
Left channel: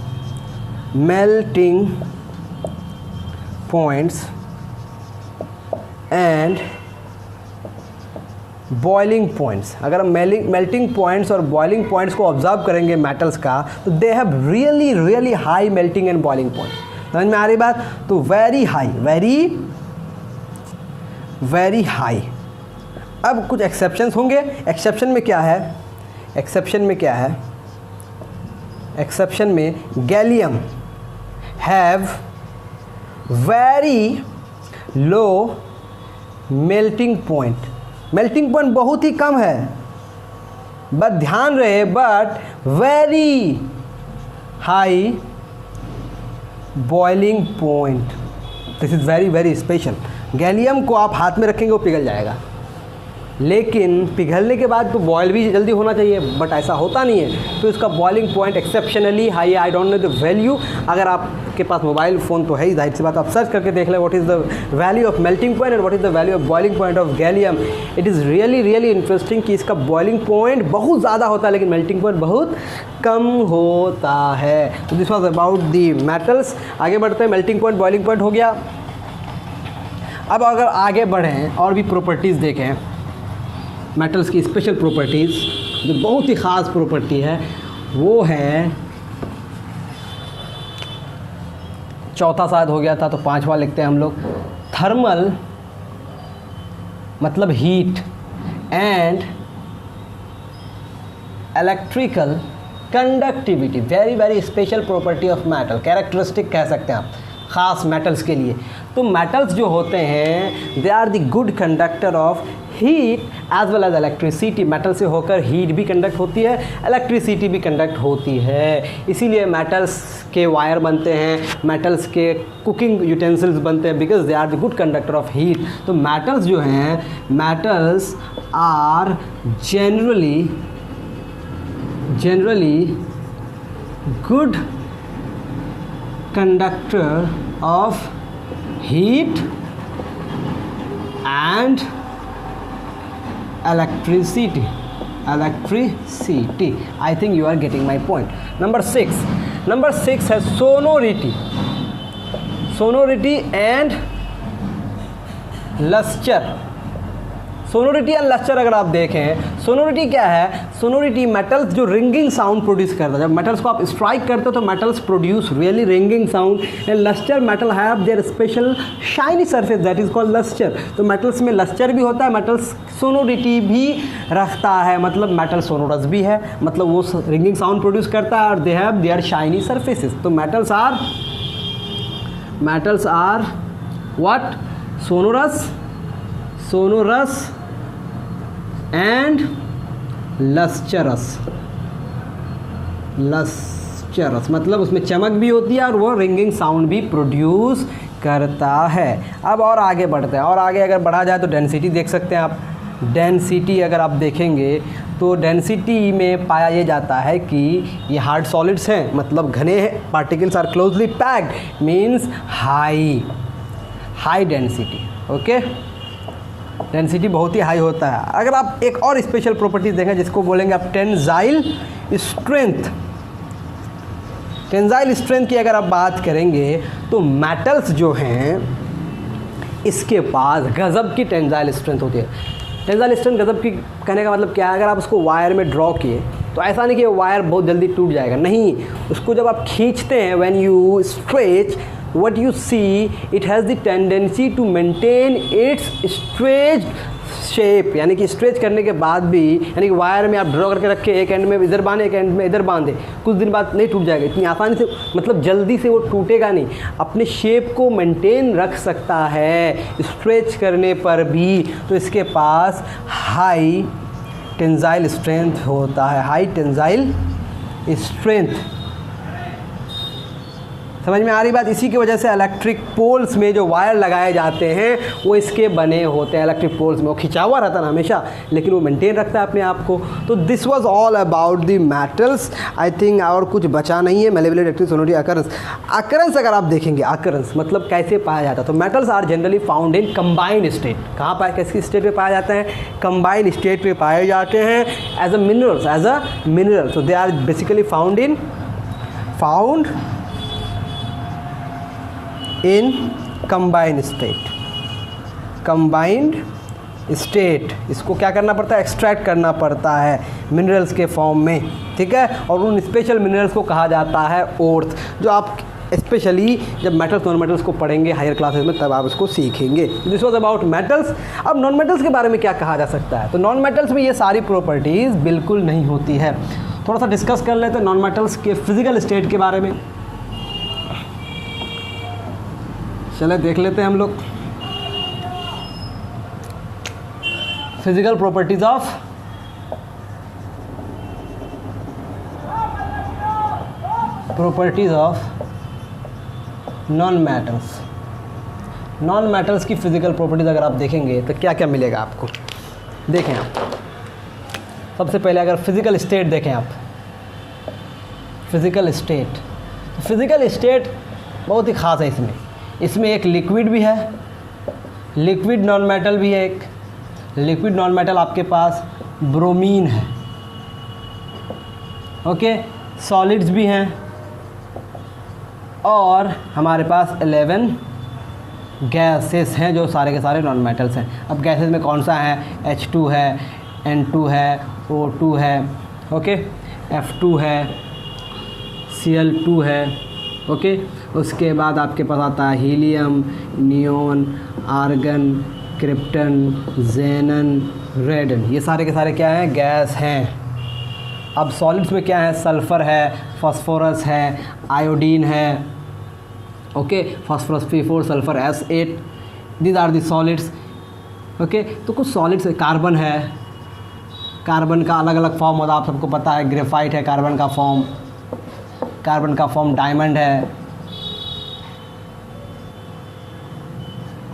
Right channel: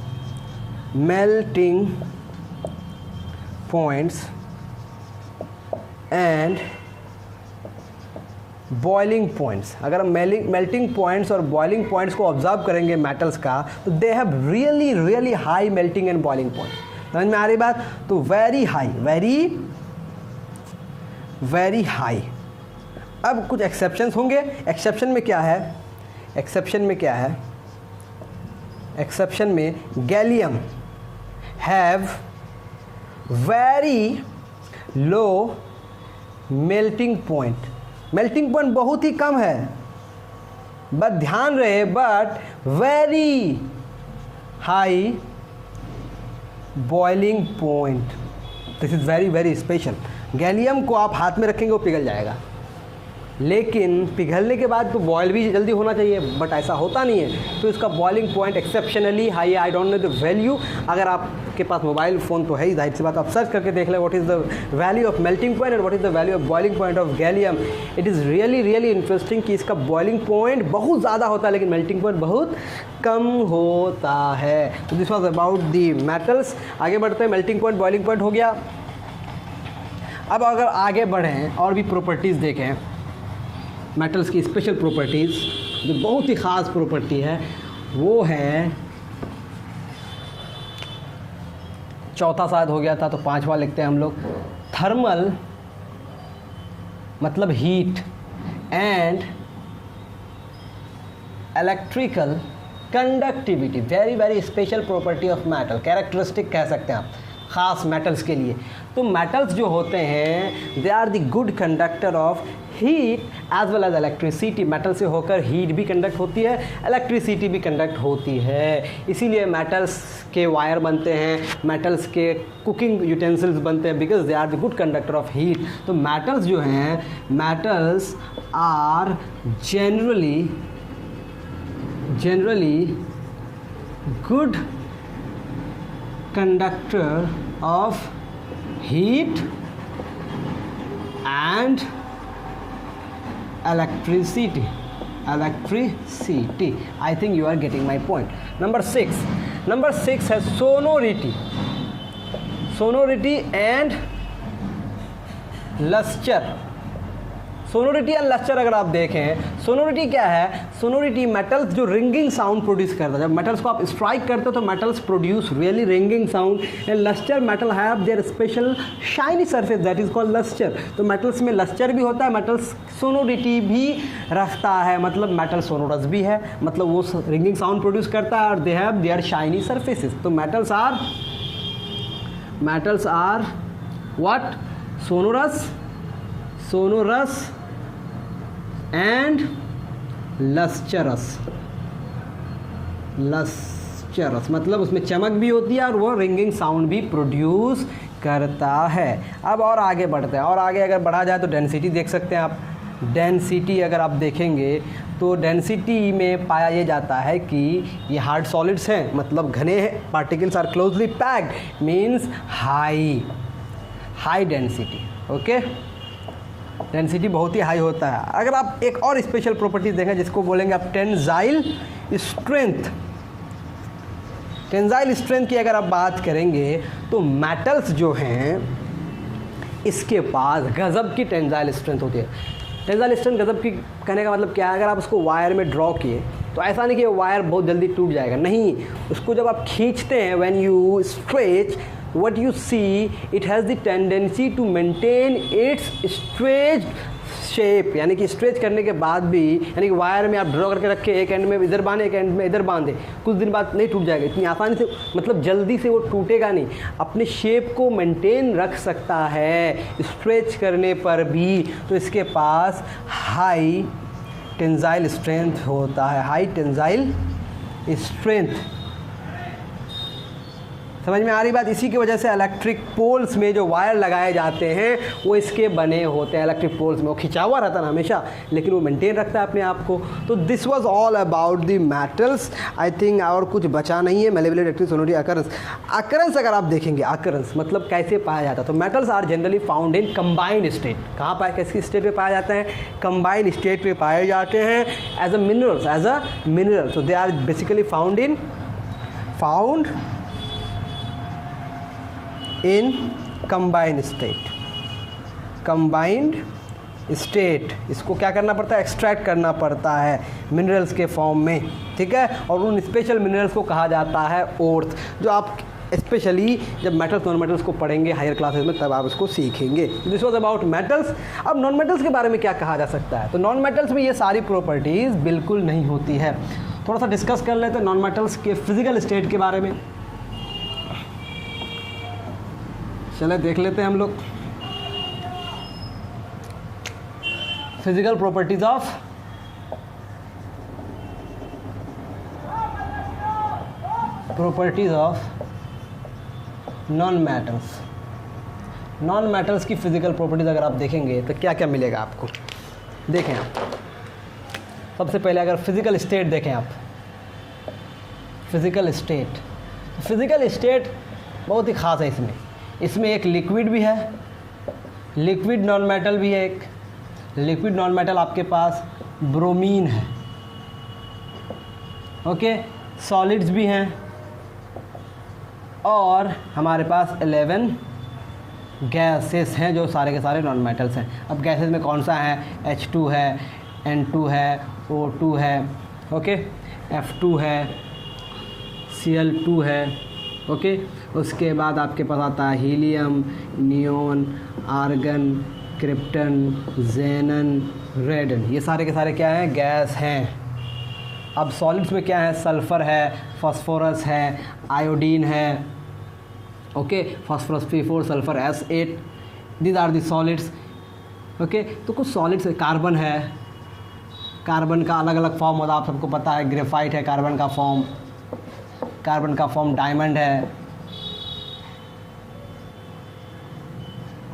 and boiling points. अगर हम मेल्टिंग पॉइंट्स और बॉइलिंग पॉइंट्स को ऑब्जर्व करेंगे मेटल्स का, तो they have really high melting and boiling point. समझ में आ रही बात? तो वेरी हाई। अब कुछ एक्सेप्शंस होंगे। एक्सेप्शन में क्या है? एक्सेप्शन में gallium have very low melting point बहुत ही कम है, बट ध्यान रहे, but very high boiling point. This is very special. Gallium को आप हाथ में रखेंगे वो पिघल जाएगा, लेकिन पिघलने के बाद तो बॉयल भी जल्दी होना चाहिए, बट ऐसा होता नहीं है। तो इसका बॉइलिंग पॉइंट एक्सेप्शनली हाई है। I don't know the value. अगर आपके पास मोबाइल फ़ोन तो है ही, जाहिर सी बात, आप सर्च करके देख लें what is the value of melting point and what is the value of boiling point of gallium. It is really interesting कि इसका बॉइलिंग पॉइंट बहुत ज़्यादा होता है लेकिन मेल्टिंग पॉइंट बहुत कम होता है। तो this was about the metals. आगे बढ़ते हैं। मेल्टिंग पॉइंट, बॉइलिंग पॉइंट हो गया। अब अगर आगे बढ़ें और भी प्रॉपर्टीज़ देखें मेटल्स की, स्पेशल प्रॉपर्टीज़ जो बहुत ही ख़ास प्रॉपर्टी है, वो है, चौथा शायद हो गया था तो पांचवा लिखते हैं हम लोग, मतलब heat and electrical conductivity, very very special property of metal, characteristic कह सकते हैं आप ख़ास मेटल्स के लिए। तो मेटल्स जो होते हैं they are the good conductor of heat as well as electricity. Metal से होकर हीट भी कंडक्ट होती है, इलेक्ट्रिसिटी भी कंडक्ट होती है, इसीलिए मेटल्स के वायर बनते हैं, मेटल्स के कुकिंग यूटेंसिल्स बनते हैं, because they are the good conductor of heat. तो मेटल्स जो हैं, metals are generally good conductor of heat and electricity. I think you are getting my point. Number 6 है sonority and luster. Sonority and lustre अगर आप देखें, सोनोरिटी क्या है? सोनोरिटी मेटल्स जो रिंगिंग साउंड प्रोड्यूस करता है, जब मेटल्स को आप स्ट्राइक करते हो तो metals produce really ringing sound. And lustre metal have their special shiny surface that is called lustre. तो मेटल्स में लस्टर भी होता है, मेटल्स सोनोरिटी भी रखता है, मतलब मेटल सोनोरस भी है, मतलब वो रिंगिंग साउंड प्रोड्यूस करता है, और they have their shiny surfaces. तो metals are what? Sonorous and lustrous, मतलब उसमें चमक भी होती है और वो रिंगिंग साउंड भी प्रोड्यूस करता है। अब और आगे बढ़ते हैं, और आगे अगर बढ़ा जाए तो डेंसिटी देख सकते हैं आप। डेंसिटी अगर आप देखेंगे तो डेंसिटी में पाया ये जाता है कि ये हार्ड सॉलिड्स हैं, मतलब घने हैं, particles are closely packed, means high density. Okay, density बहुत ही हाई होता है। अगर आप एक और स्पेशल प्रॉपर्टी देखें जिसको बोलेंगे आप टेंजाइल स्ट्रेंथ की अगर आप बात करेंगे तो मेटल्स जो हैं इसके पास गजब की टेंजाइल स्ट्रेंथ होती है। टेंजाइल स्ट्रेंथ गजब की कहने का मतलब क्या है? अगर आप उसको वायर में ड्रॉ किए तो ऐसा नहीं कि वायर बहुत जल्दी टूट जाएगा, नहीं, उसको जब आप खींचते हैं when you stretch, what you see, it has the tendency to maintain its stretched shape, यानी कि स्ट्रेच करने के बाद भी, यानी कि वायर में आप ड्रॉ करके रखे, एक एंड में इधर बांधे, एक एंड में इधर बांधे, कुछ दिन बाद नहीं टूट जाएगा इतनी आसानी से, मतलब जल्दी से वो टूटेगा नहीं, अपने शेप को मेंटेन रख सकता है स्ट्रेच करने पर भी। तो इसके पास हाई टेंजाइल स्ट्रेंथ होता है, हाई टेंजाइल स्ट्रेंथ। समझ में आ रही बात? इसी की वजह से इलेक्ट्रिक पोल्स में जो वायर लगाए जाते हैं वो इसके बने होते हैं। इलेक्ट्रिक पोल्स में वो खिंचा हुआ रहता है हमेशा, लेकिन वो मेंटेन रखता है अपने आप को। तो this was all about the metals. I think और कुछ बचा नहीं है। मेलेबिलिटी, एक्टिव, सोनोरिटी, अकरेंस अगर आप देखेंगे, अकरेंस मतलब कैसे पाया जाता है, तो metals are generally found in combined state. कहाँ पाए, कैसी स्टेट में पाया जाता है? कंबाइंड स्टेट में पाए जाते हैं as a mineral. So they are basically found in combined state. इसको क्या करना पड़ता है? एक्सट्रैक्ट करना पड़ता है मिनरल्स के फॉर्म में, ठीक है। और उन स्पेशल मिनरल्स को कहा जाता है ओर्थ, जो आप स्पेशली जब मेटल्स नॉन मेटल्स को पढ़ेंगे हायर क्लासेस में तब आप इसको सीखेंगे। This was about metals. अब नॉन मेटल्स के बारे में क्या कहा जा सकता है? तो नॉन मेटल्स में ये सारी प्रॉपर्टीज़ बिल्कुल नहीं होती है। थोड़ा सा डिस्कस कर लेते हैं नॉन मेटल्स के फिजिकल स्टेट के बारे में। चले देख लेते हैं हम लोग physical properties of non metals की फिजिकल प्रॉपर्टीज अगर आप देखेंगे तो क्या क्या मिलेगा आपको? देखें आप, सबसे पहले अगर फिजिकल स्टेट देखें आप, फिजिकल स्टेट बहुत ही खास है। इसमें एक लिक्विड भी है, लिक्विड नॉन मेटल भी है। एक लिक्विड नॉन मेटल आपके पास ब्रोमीन है, ओके, सॉलिड्स भी हैं, और हमारे पास 11 गैसेस हैं जो सारे के सारे नॉन मेटल्स हैं। अब गैसेस में कौन सा है? H2 है, N2 है, O2 है, ओके, F2 है, Cl2 है, ओके। उसके बाद आपके पास आता है हीलियम, नियोन, आर्गन, क्रिप्टन, जेनन, रेडन, ये सारे के सारे क्या हैं, गैस हैं। अब सॉलिड्स में क्या है, सल्फ़र है, फास्फोरस है, आयोडीन है, okay, phosphorus P4, sulphur S8, these are the solids, okay. तो कुछ सॉलिड्स, कार्बन है, कार्बन का अलग अलग फॉर्म होता है, आप सबको पता है, ग्रेफाइट है कार्बन का फॉर्म, डायमंड है।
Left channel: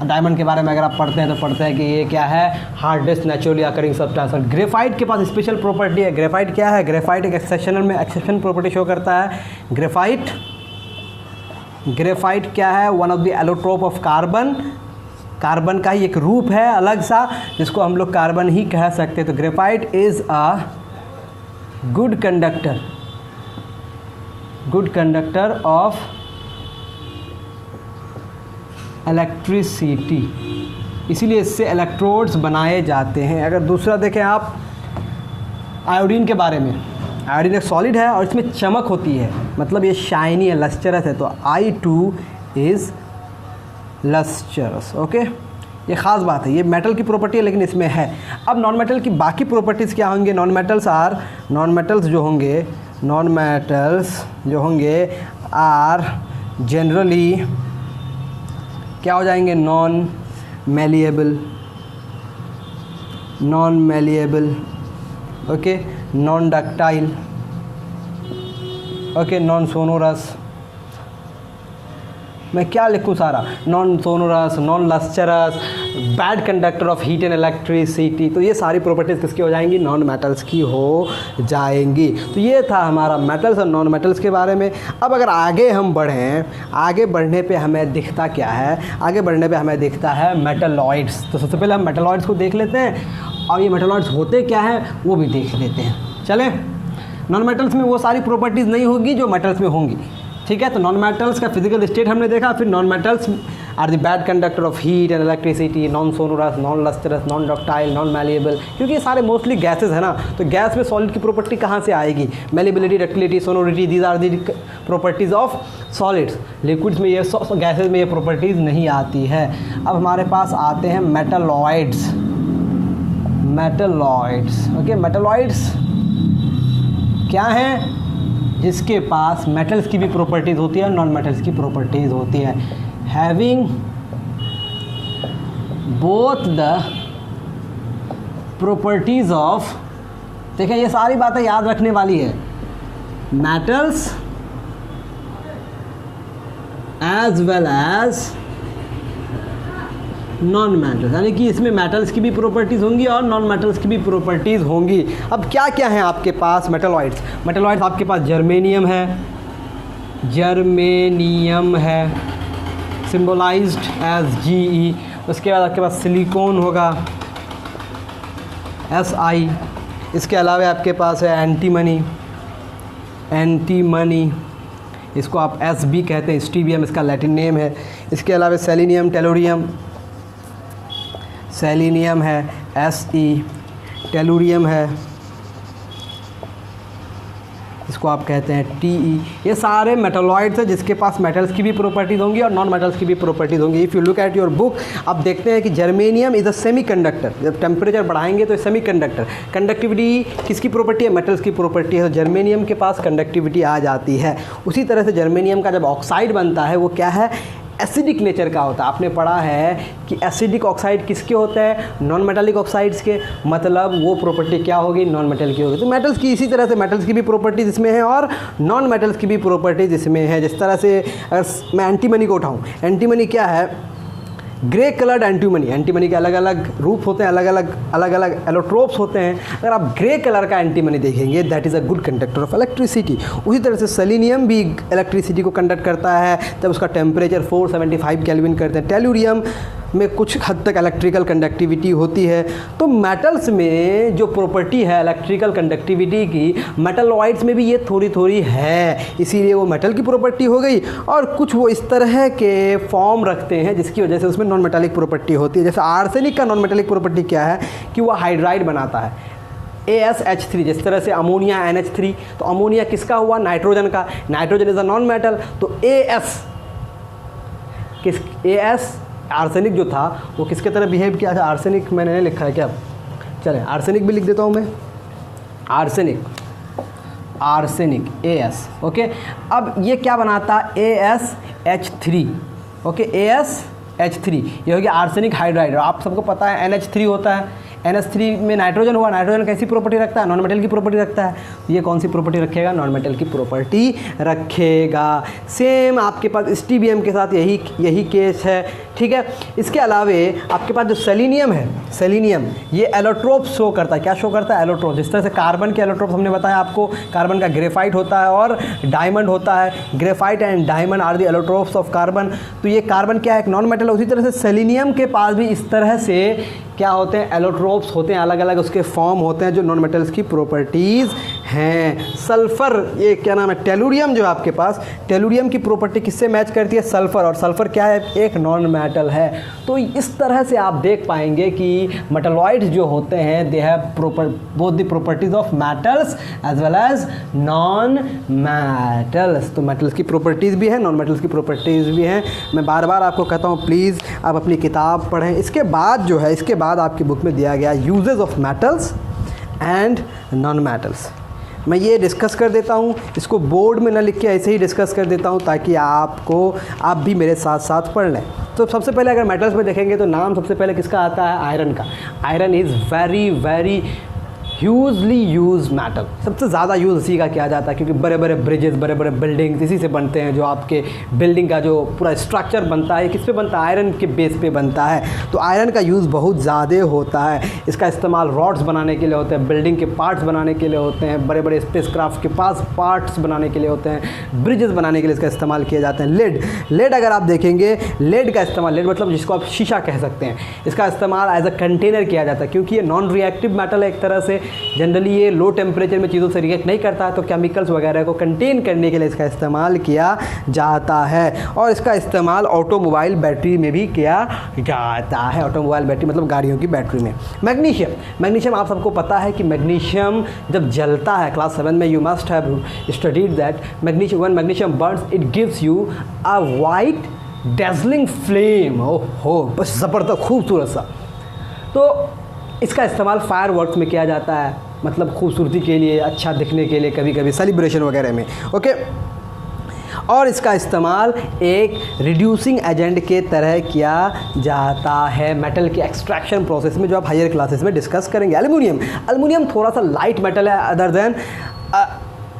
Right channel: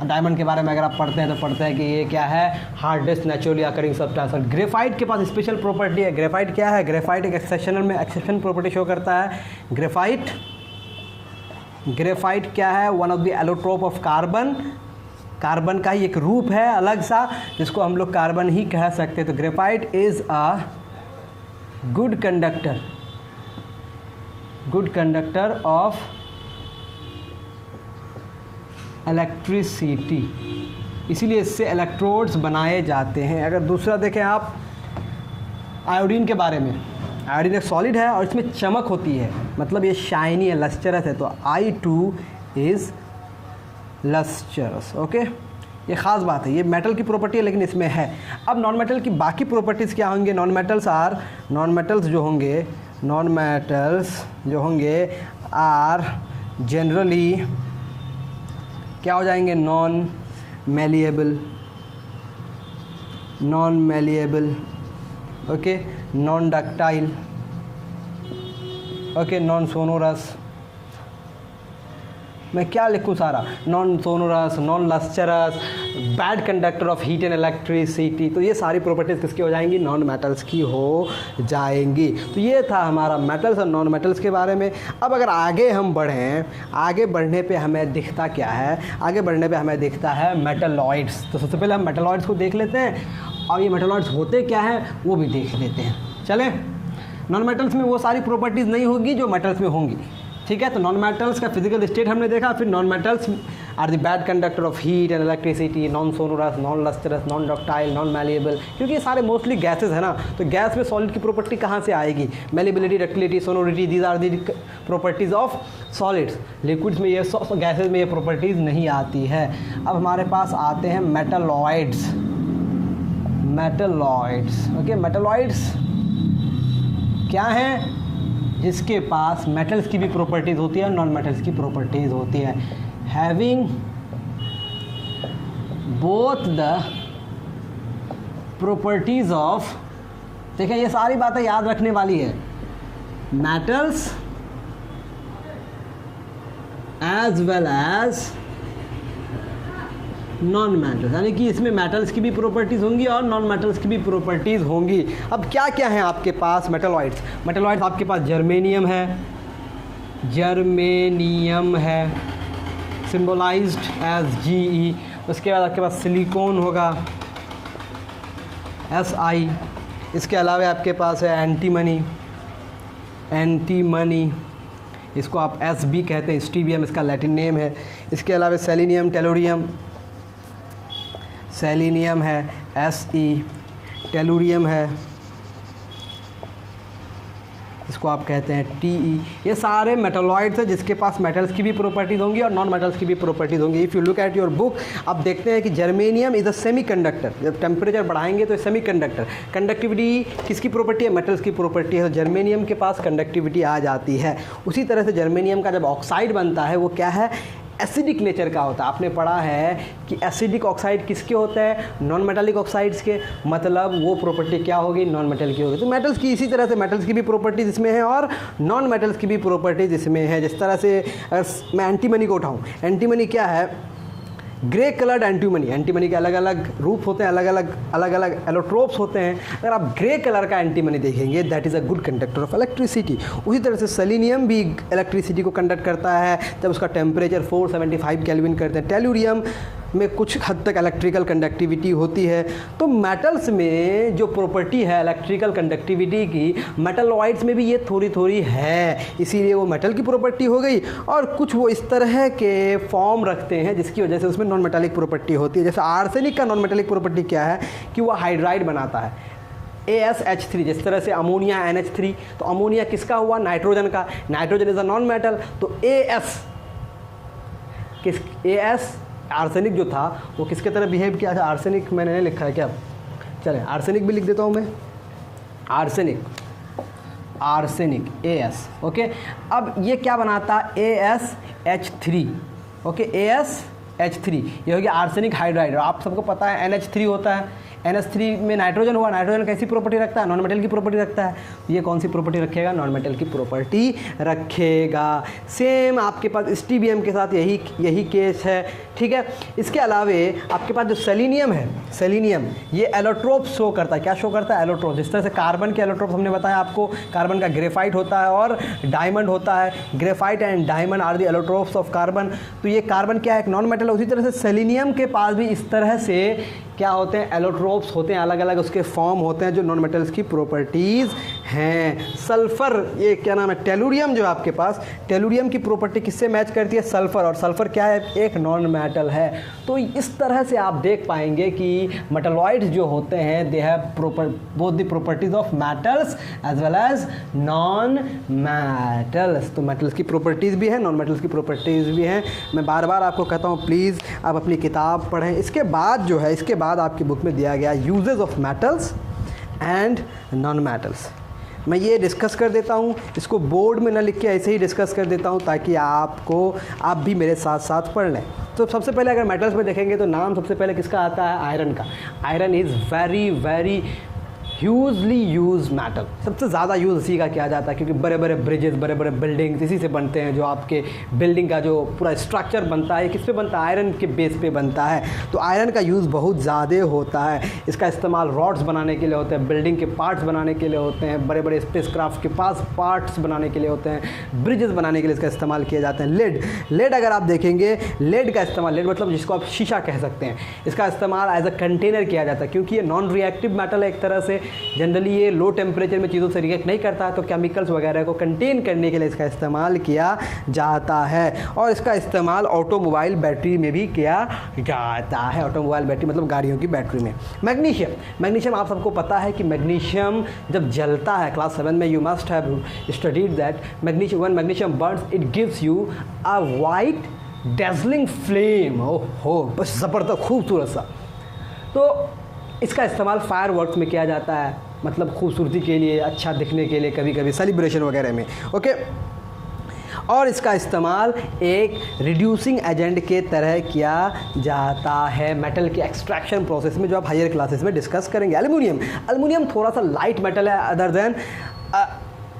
डायमंड के बारे में अगर आप पढ़ते हैं तो पढ़ते हैं कि ये क्या है, hardest naturally occurring substance. Graphite के पास स्पेशल प्रॉपर्टी है। ग्रेफाइट क्या है, ग्रेफाइट एक एक्सेप्शन प्रॉपर्टी शो करता है। ग्रेफाइट क्या है, one of the allotrope of carbon, carbon का ही एक रूप है अलग सा, जिसको हम लोग कार्बन ही कह सकते हैं। तो graphite is a good conductor of electricity, इसीलिए इससे इलेक्ट्रोड्स बनाए जाते हैं। अगर दूसरा देखें आप आयोडीन के बारे में, आयोडीन एक सॉलिड है और इसमें चमक होती है, मतलब ये शाइनी है, लस्चरस है, तो I2 इज़ लस्चरस, ओके। ये ख़ास बात है, ये मेटल की प्रॉपर्टी है लेकिन इसमें है। अब नॉन मेटल की बाकी प्रॉपर्टीज़ क्या होंगे, नॉन मेटल्स जो होंगे आर जनरली क्या हो जाएंगे, non malleable, okay, non ductile, okay, non sonorous, मैं क्या लिखूँ सारा, non sonorous, non lustrous, bad conductor of heat and electricity. तो ये सारी प्रॉपर्टीज़ किसकी हो जाएंगी, नॉन मेटल्स की हो जाएंगी। तो ये था हमारा मेटल्स और नॉन मेटल्स के बारे में। अब अगर आगे हम बढ़ें, आगे बढ़ने पे हमें दिखता क्या है, आगे बढ़ने पे हमें दिखता है मेटलॉइड्स। तो सबसे पहले हम मेटलॉइड्स को देख लेते हैं और ये मेटलॉइड्स होते क्या हैं वो भी देख लेते हैं। चले, नॉन मेटल्स में वो सारी प्रॉपर्टीज़ नहीं होगी जो मेटल्स में होंगी, ठीक है। तो नॉन मेटल्स का फिजिकल स्टेट हमने देखा, फिर non metals are the bad conductor of heat and electricity, non sonorous, non lustrous, non ductile, non malleable, क्योंकि ये सारे मोस्टली गैसेज है ना। तो गैस में सॉलिड की प्रॉपर्टी कहाँ से आएगी, malleability, ductility, sonority, these are the properties of solids. Liquids में ये, गैसेज में ये प्रॉपर्टीज़ नहीं आती है। अब हमारे पास आते हैं मेटलॉइड्स, ओके। मेटलॉइड्स क्या हैं, जिसके पास मेटल्स की भी प्रॉपर्टीज़ होती है और नॉन मेटल्स की प्रॉपर्टीज़ होती है, having both the properties of, देखिए ये सारी बातें याद रखने वाली है, metals as well as non metals, यानी कि इसमें मेटल्स की भी प्रॉपर्टीज़ होंगी और नॉन मेटल्स की भी प्रॉपर्टीज़ होंगी। अब क्या क्या है आपके पास मेटलॉइड्स, आपके पास जर्मेनियम है, सिम्बोलाइज्ड एज Ge। उसके बाद आपके पास सिलिकॉन होगा Si। इसके अलावा आपके पास है एंटीमनी, इसको आप Sb कहते हैं, स्टीबियम इसका लैटिन नेम है। इसके अलावा सेलेनियम है Se, टेलुरियम है, इसको आप कहते हैं Te। ये सारे मेटलॉइड्स हैं जिसके पास मेटल्स की भी प्रॉपर्टीज़ होंगी और नॉन मेटल्स की भी प्रॉपर्टीज़ होंगी। If you look at your book, आप देखते हैं कि जर्मेनियम इज़ अ सेमीकंडक्टर, जब टेम्परेचर बढ़ाएंगे तो सेमीकंडक्टर, कंडक्टिविटी किसकी प्रॉपर्टी है, मेटल्स की प्रॉपर्टी है, तो जर्मेनियम के पास कंडक्टिविटी आ जाती है। उसी तरह से जर्मेनियम का जब ऑक्साइड बनता है वो क्या है, एसिडिक नेचर का होता है। आपने पढ़ा है कि एसिडिक ऑक्साइड किसके होते हैं, नॉन मेटालिक ऑक्साइड्स के, मतलब वो प्रॉपर्टी क्या होगी, नॉन मेटल की होगी। तो मेटल्स की इसी तरह से मेटल्स की भी प्रॉपर्टीज इसमें है और नॉन मेटल्स की भी प्रॉपर्टीज इसमें है। जिस तरह से अगर मैं एंटीमनी को उठाऊँ, एंटीमनी क्या है, ग्रे कलर्ड एंटीमनी के अलग अलग रूप होते हैं, अलग अलग एलोट्रोप्स होते हैं। अगर आप ग्रे कलर का एंटीमनी देखेंगे, that is a good conductor of electricity. उसी तरह से सेलेनियम भी इलेक्ट्रिसिटी को कंडक्ट करता है, तब उसका टेम्परेचर 475 केल्विन करते हैं। टेलुरियम में कुछ हद तक इलेक्ट्रिकल कंडक्टिविटी होती है। तो मेटल्स में जो प्रॉपर्टी है इलेक्ट्रिकल कंडक्टिविटी की, मेटलॉइड्स में भी ये थोड़ी थोड़ी है, इसीलिए वो मेटल की प्रॉपर्टी हो गई। और कुछ वो इस तरह के फॉर्म रखते हैं जिसकी वजह से उसमें नॉन मेटालिक प्रॉपर्टी होती है। जैसे आर्सेनिक का नॉन मेटालिक प्रॉपर्टी क्या है कि वो हाइड्राइड बनाता है, ASH3। जिस तरह से अमोनिया NH3, तो अमोनिया किसका हुआ, नाइट्रोजन का, nitrogen is a non metal. तो AS आर्सेनिक जो था वो किसके तरह बिहेव किया था? आर्सेनिक मैंने नहीं लिखा है क्या? चले आर्सेनिक भी लिख देता हूँ मैं, आर्सेनिक AS, ओके। अब ये क्या बनाता है? AsH3, ओके, AsH3 ये हो गया आर्सेनिक हाइड्राइड। आप सबको पता है NH3 होता है, NH3 में नाइट्रोजन हुआ, नाइट्रोजन कैसी प्रॉपर्टी रखता है? नॉन मेटल की प्रॉपर्टी रखता है। ये कौन सी प्रॉपर्टी रखेगा? नॉन मेटल की प्रॉपर्टी रखेगा। सेम आपके पास स्टीबियम के साथ यही केस है, ठीक है। इसके अलावे आपके पास जो सेलिनियम है, सेलिनियम ये एलोट्रोप शो करता है। क्या शो करता है? एलोट्रोप। जिस तरह से कार्बन के एलोट्रोप हमने बताया आपको, कार्बन का ग्रेफाइट होता है और डायमंड होता है। Graphite and diamond are the allotropes of carbon. तो ये कार्बन क्या है? एक नॉन मेटल है। उसी तरह से सेलिनियम के पास भी इस तरह से क्या होते हैं? एलोट्रोप्स होते हैं, अलग अलग उसके फॉर्म होते हैं जो नॉन मेटल्स की प्रॉपर्टीज़ हैं। सल्फर, ये क्या नाम है? टेलुरियम जो आपके पास, टेलुरियम की प्रॉपर्टी किससे मैच करती है? सल्फर। और सल्फर क्या है? एक नॉन मेटल है। तो इस तरह से आप देख पाएंगे कि मेटलॉइड्स जो होते हैं they have both the properties of metals as well as non metals. तो मेटल्स की प्रॉपर्टीज़ भी हैं, नॉन मेटल्स की प्रॉपर्टीज़ भी हैं। मैं बार बार आपको कहता हूँ प्लीज़ आप अपनी किताब पढ़ें। इसके बाद जो है, इसके बाद आपकी बुक में दिया गया uses of metals and non metals. मैं ये डिस्कस कर देता हूँ, इसको बोर्ड में ना लिख के ऐसे ही डिस्कस कर देता हूँ ताकि आप भी मेरे साथ साथ पढ़ लें। तो सबसे पहले अगर मेटल्स में देखेंगे तो नाम सबसे पहले किसका आता है? आयरन का। Iron is very very hugely use metal. सबसे ज़्यादा यूज़ इसी का किया जाता है क्योंकि बड़े बड़े ब्रिजेस, बड़े बड़े बिल्डिंग्स इसी से बनते हैं। जो आपके बिल्डिंग का जो पूरा स्ट्रक्चर बनता है किस पे बनता है? आयरन के बेस पे बनता है। तो आयरन का यूज़ बहुत ज़्यादा होता है। इसका इस्तेमाल रॉड्स बनाने के लिए होते हैं, बिल्डिंग के पार्ट्स बनाने के लिए होते हैं, बड़े बड़े स्पेसक्राफ्ट के पास पार्ट्स बनाने के लिए होते हैं, ब्रिजेस बनाने के लिए इसका इस्तेमाल किए जाते हैं। लेड अगर आप देखेंगे, लेड का इस्तेमाल, लेड मतलब जिसको आप शीशा कह सकते हैं, इसका इस्तेमाल एज अ कंटेनर किया जाता है क्योंकि ये नॉन रिएक्टिव मेटल है एक तरह से। जनरली ये लो टेम्परेचर में चीज़ों से रिएक्ट नहीं करता है, तो केमिकल्स वगैरह को कंटेन करने के लिए इसका इस्तेमाल किया जाता है। और इसका इस्तेमाल ऑटोमोबाइल बैटरी में भी किया जाता है। ऑटोमोबाइल बैटरी मतलब गाड़ियों की बैटरी में। मैग्नीशियम आप सबको पता है कि मैग्नीशियम जब जलता है, क्लास 7 में you must have studied that magnesium, when magnesium Burns it gives you a white dazzling flame. ओहो, बस ज़बरदस्त, खूबसूरत सा। तो इसका इस्तेमाल फायर वर्क्स में किया जाता है, मतलब खूबसूरती के लिए, अच्छा दिखने के लिए, कभी कभी सेलिब्रेशन वगैरह में, ओके। और इसका इस्तेमाल एक रिड्यूसिंग एजेंट के तरह किया जाता है मेटल के एक्सट्रैक्शन प्रोसेस में, जो आप हायर क्लासेस में डिस्कस करेंगे। एल्युमिनियम थोड़ा सा लाइट मेटल है other then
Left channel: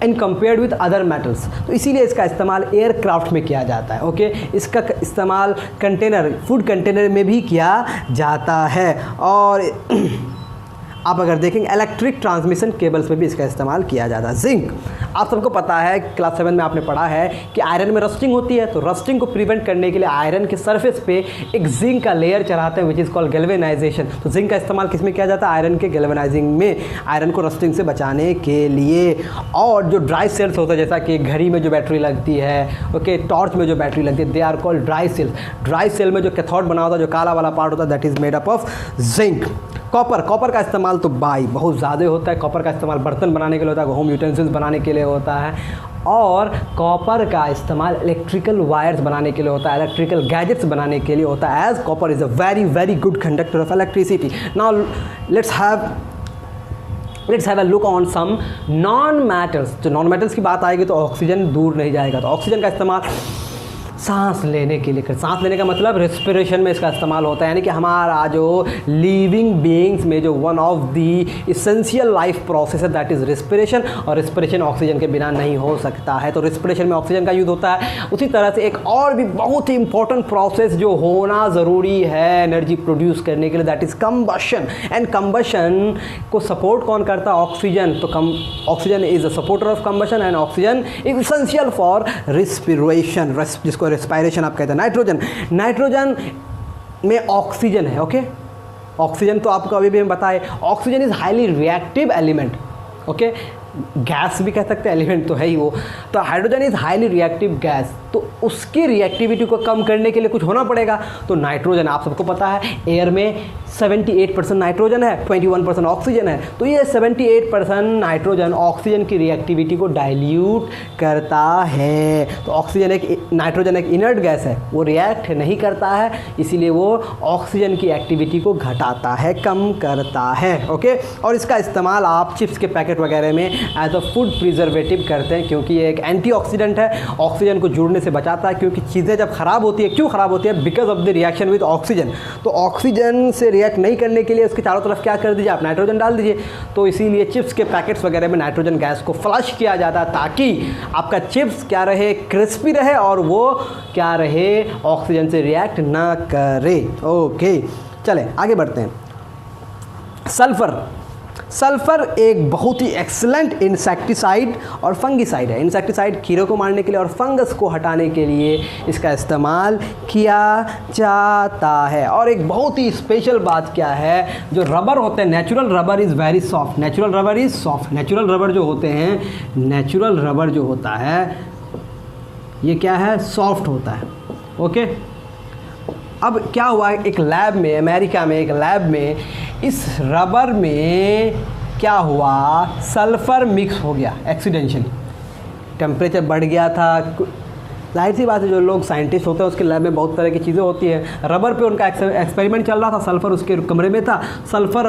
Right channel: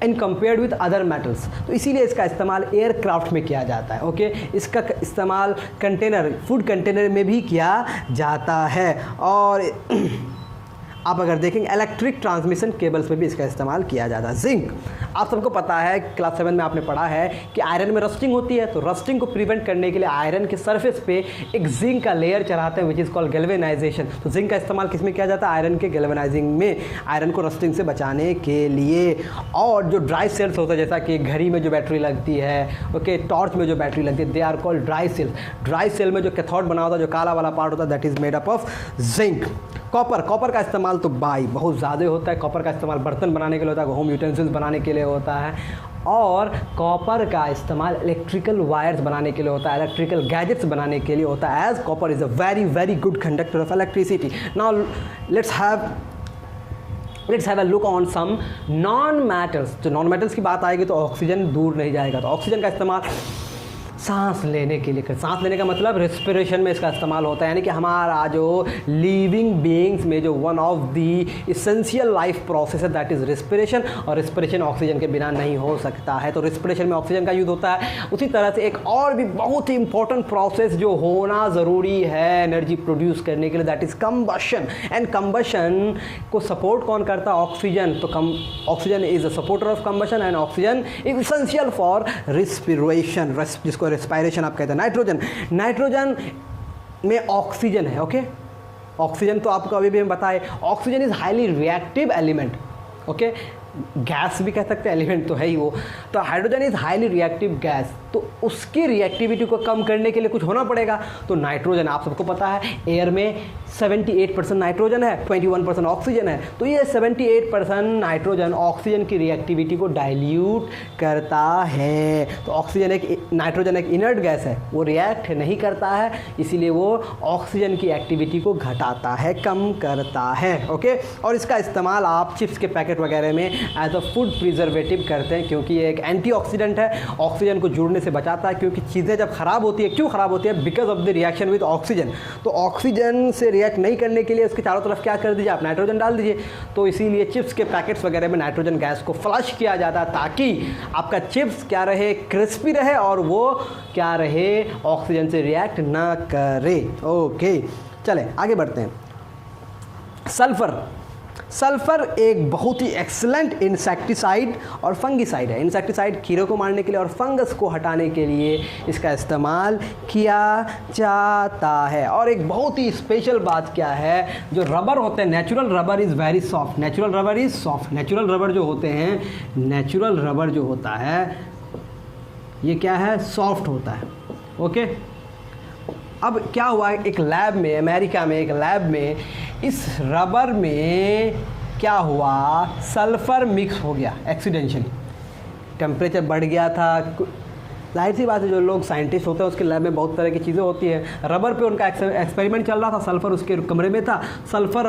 in compared with other metals, तो इसीलिए इसका इस्तेमाल एयरक्राफ्ट में किया जाता है, ओके। इसका इस्तेमाल कंटेनर, फूड कंटेनर में भी किया जाता है। और आप अगर देखेंगे इलेक्ट्रिक ट्रांसमिशन केबल्स में भी इसका इस्तेमाल किया जाता है। जिंक, आप सबको पता है, क्लास 7 में आपने पढ़ा है कि आयरन में रस्टिंग होती है, तो रस्टिंग को प्रिवेंट करने के लिए आयरन के सरफेस पे एक जिंक का लेयर चढ़ाते हैं विच इज़ कॉल्ड गैल्वेनाइजेशन। तो जिंक का इस्तेमाल किस में किया जाता है? आयरन के गैल्वेनाइजिंग में, आयरन को रस्टिंग से बचाने के लिए। और जो ड्राई सेल्स होते हैं, जैसा कि घड़ी में जो बैटरी लगती है, ओके, टॉर्च में जो बैटरी लगती है, they are called dry cells. Dry cell में जो कैथोड बना होता है, जो काला वाला पार्ट होता है, that is made up of zinc. Copper का इस्तेमाल तो बहुत ज़्यादा होता है। कॉपर का इस्तेमाल बर्तन बनाने के लिए होता है, होम यूटेंसिल्स बनाने के लिए होता है। और कॉपर का इस्तेमाल इलेक्ट्रिकल वायर्स बनाने के लिए होता है, इलेक्ट्रिकल गैजेट्स बनाने के लिए होता है, as copper is a very very good conductor of electricity. Now let's have a look on some non metals. जो नॉन मेटल्स की बात आएगी तो ऑक्सीजन दूर नहीं जाएगा। तो ऑक्सीजन का इस्तेमाल सांस लेने के लिए, सांस लेने का मतलब रेस्पिरेशन में इसका इस्तेमाल होता है, यानी कि हमारा जो लिविंग बीइंग्स में जो one of the essential life process है दैट इज़ रेस्पिरेशन, और रेस्पिरेशन ऑक्सीजन के बिना नहीं हो सकता है। तो रेस्पिरेशन में ऑक्सीजन का यूज़ होता है। उसी तरह से एक और भी बहुत ही इंपॉर्टेंट प्रोसेस जो होना ज़रूरी है एनर्जी प्रोड्यूस करने के लिए, that is combustion. And combustion को सपोर्ट कौन करता है? ऑक्सीजन। तो oxygen is a supporter of combustion and oxygen is essential for respiration, जिसको रेस्पिरेशन आप कहते हैं। नाइट्रोजन में ऑक्सीजन है, ओके। ऑक्सीजन तो आपको अभी भी हम बताए, oxygen is highly reactive element, okay. Gas भी कह सकते हैं, एलिमेंट तो है ही वो। तो hydrogen is highly reactive gas. तो उसकी रिएक्टिविटी को कम करने के लिए कुछ होना पड़ेगा। तो नाइट्रोजन आप सबको पता है एयर में 78% नाइट्रोजन है, 21% ऑक्सीजन है। तो ये 78% नाइट्रोजन ऑक्सीजन की रिएक्टिविटी को डाइल्यूट करता है। तो ऑक्सीजन नाइट्रोजन एक इनर्ट गैस है, वो रिएक्ट नहीं करता है, इसीलिए वो ऑक्सीजन की एक्टिविटी को घटाता है, कम करता है। ओके, और इसका इस्तेमाल आप चिप्स के पैकेट वगैरह में एज अ फूड प्रिजर्वेटिव करते हैं, क्योंकि ये एक एंटीऑक्सीडेंट है, ऑक्सीजन को जुड़ने से बचाता है। क्योंकि चीज़ें जब ख़राब होती है, क्यों ख़राब होती है? Because of the reaction with oxygen. तो ऑक्सीजन से रिएक्ट नहीं करने के लिए उसके चारों तरफ क्या कर दीजिए, आप नाइट्रोजन डाल दीजिए। तो इसीलिए चिप्स के पैकेट्स वगैरह में नाइट्रोजन गैस को फ्लश किया जाता है, ताकि आपका चिप्स क्या रहे, क्रिस्पी रहे, और वो क्या रहे, ऑक्सीजन से रिएक्ट ना करे। ओके, चलें आगे बढ़ते हैं। सल्फर एक बहुत ही एक्सीलेंट इंसेक्टिसाइड और फंगिसाइड है। इंसेक्टिसाइड कीड़ों को मारने के लिए और फंगस को हटाने के लिए इसका इस्तेमाल किया जाता है। और एक बहुत ही स्पेशल बात क्या है, जो रबर होते हैं, natural rubber is very soft. Natural rubber is soft. Natural rubber जो होते हैं, नेचुरल रबर जो होता है ये क्या है, सॉफ्ट होता है। ओके, अब क्या हुआ, एक लैब में, अमेरिका में एक लैब में इस रबर में क्या हुआ, सल्फ़र मिक्स हो गया एक्सीडेंशियली। टेम्परेचर बढ़ गया था। जाहिर सी बात है, जो लोग साइंटिस्ट होते हैं उसके लैब में बहुत तरह की चीज़ें होती हैं। रबर पे उनका एक्सपेरिमेंट चल रहा था, सल्फ़र उसके कमरे में था। सल्फ़र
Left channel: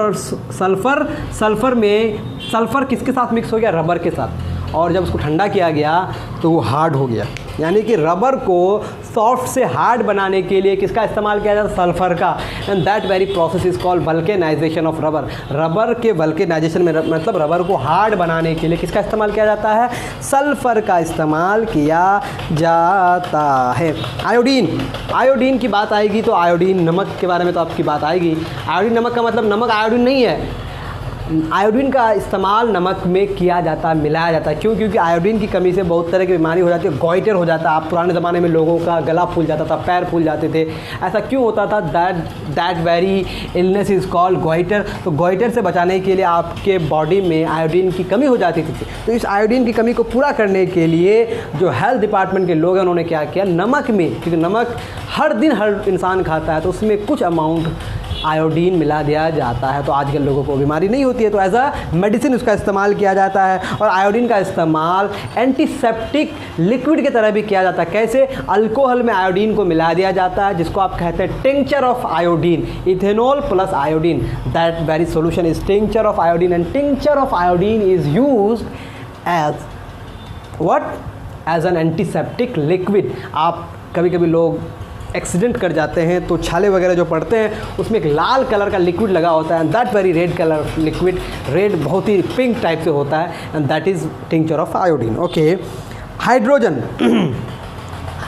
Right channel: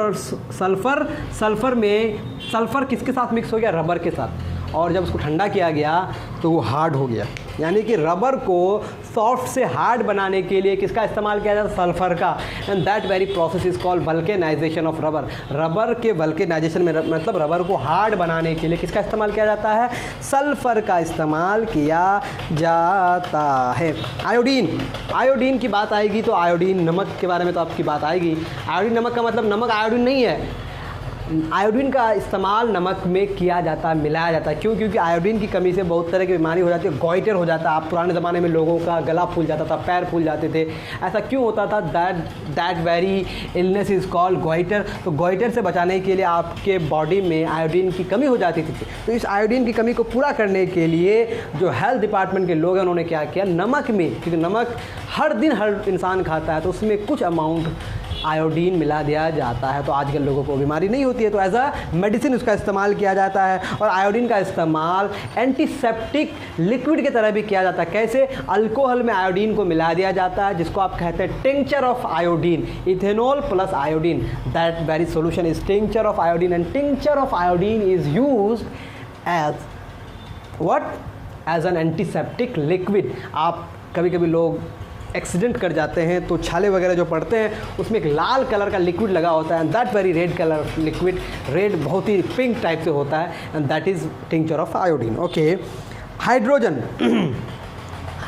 किसके साथ मिक्स हो गया, रबर के साथ। और जब उसको ठंडा किया गया तो वो हार्ड हो गया। यानी कि रबर को सॉफ्ट से हार्ड बनाने के लिए किसका इस्तेमाल किया जाता है, सल्फ़र का। And that very process is called vulcanisation of rubber. Rubber के वल्केनाइजेशन में मतलब रबर को हार्ड बनाने के लिए किसका इस्तेमाल किया जाता है, सल्फ़र का इस्तेमाल किया जाता है। आयोडीन की बात आएगी तो आयोडीन, नमक के बारे में तो आपकी बात आएगी। आयोडीन नमक का मतलब नमक आयोडीन नहीं है। आयोडीन का इस्तेमाल नमक में किया जाता है, मिलाया जाता है। क्यों? क्योंकि आयोडीन की कमी से बहुत तरह की बीमारी हो जाती है, गॉइटर हो जाता है। आप पुराने ज़माने में लोगों का गला फूल जाता था, पैर फूल जाते थे। ऐसा क्यों होता था? That very illness is called goitre. तो गॉइटर से बचाने के लिए आपके बॉडी में आयोडीन की कमी हो जाती थी। तो इस आयोडीन की कमी को पूरा करने के लिए जो हेल्थ डिपार्टमेंट के लोग हैं उन्होंने क्या किया, नमक में, क्योंकि नमक हर दिन हर इंसान खाता है, तो उसमें कुछ अमाउंट आयोडीन मिला दिया जाता है। तो आजकल लोगों को बीमारी नहीं होती है। तो एज अ मेडिसिन उसका इस्तेमाल किया जाता है। और आयोडीन का इस्तेमाल एंटीसेप्टिक लिक्विड की तरह भी किया जाता है। कैसे? अल्कोहल में आयोडीन को मिला दिया जाता है, जिसको आप कहते हैं tincture of iodine, ethanol plus iodine. That very solution is tincture of iodine. And tincture of iodine is used as what, as an antiseptic liquid. आप कभी कभी लोग एक्सीडेंट कर जाते हैं तो छाले वगैरह जो पड़ते हैं उसमें एक लाल कलर का लिक्विड लगा होता है, that very red colour liquid, red बहुत ही पिंक टाइप से होता है, and that is tincture of iodine. Okay,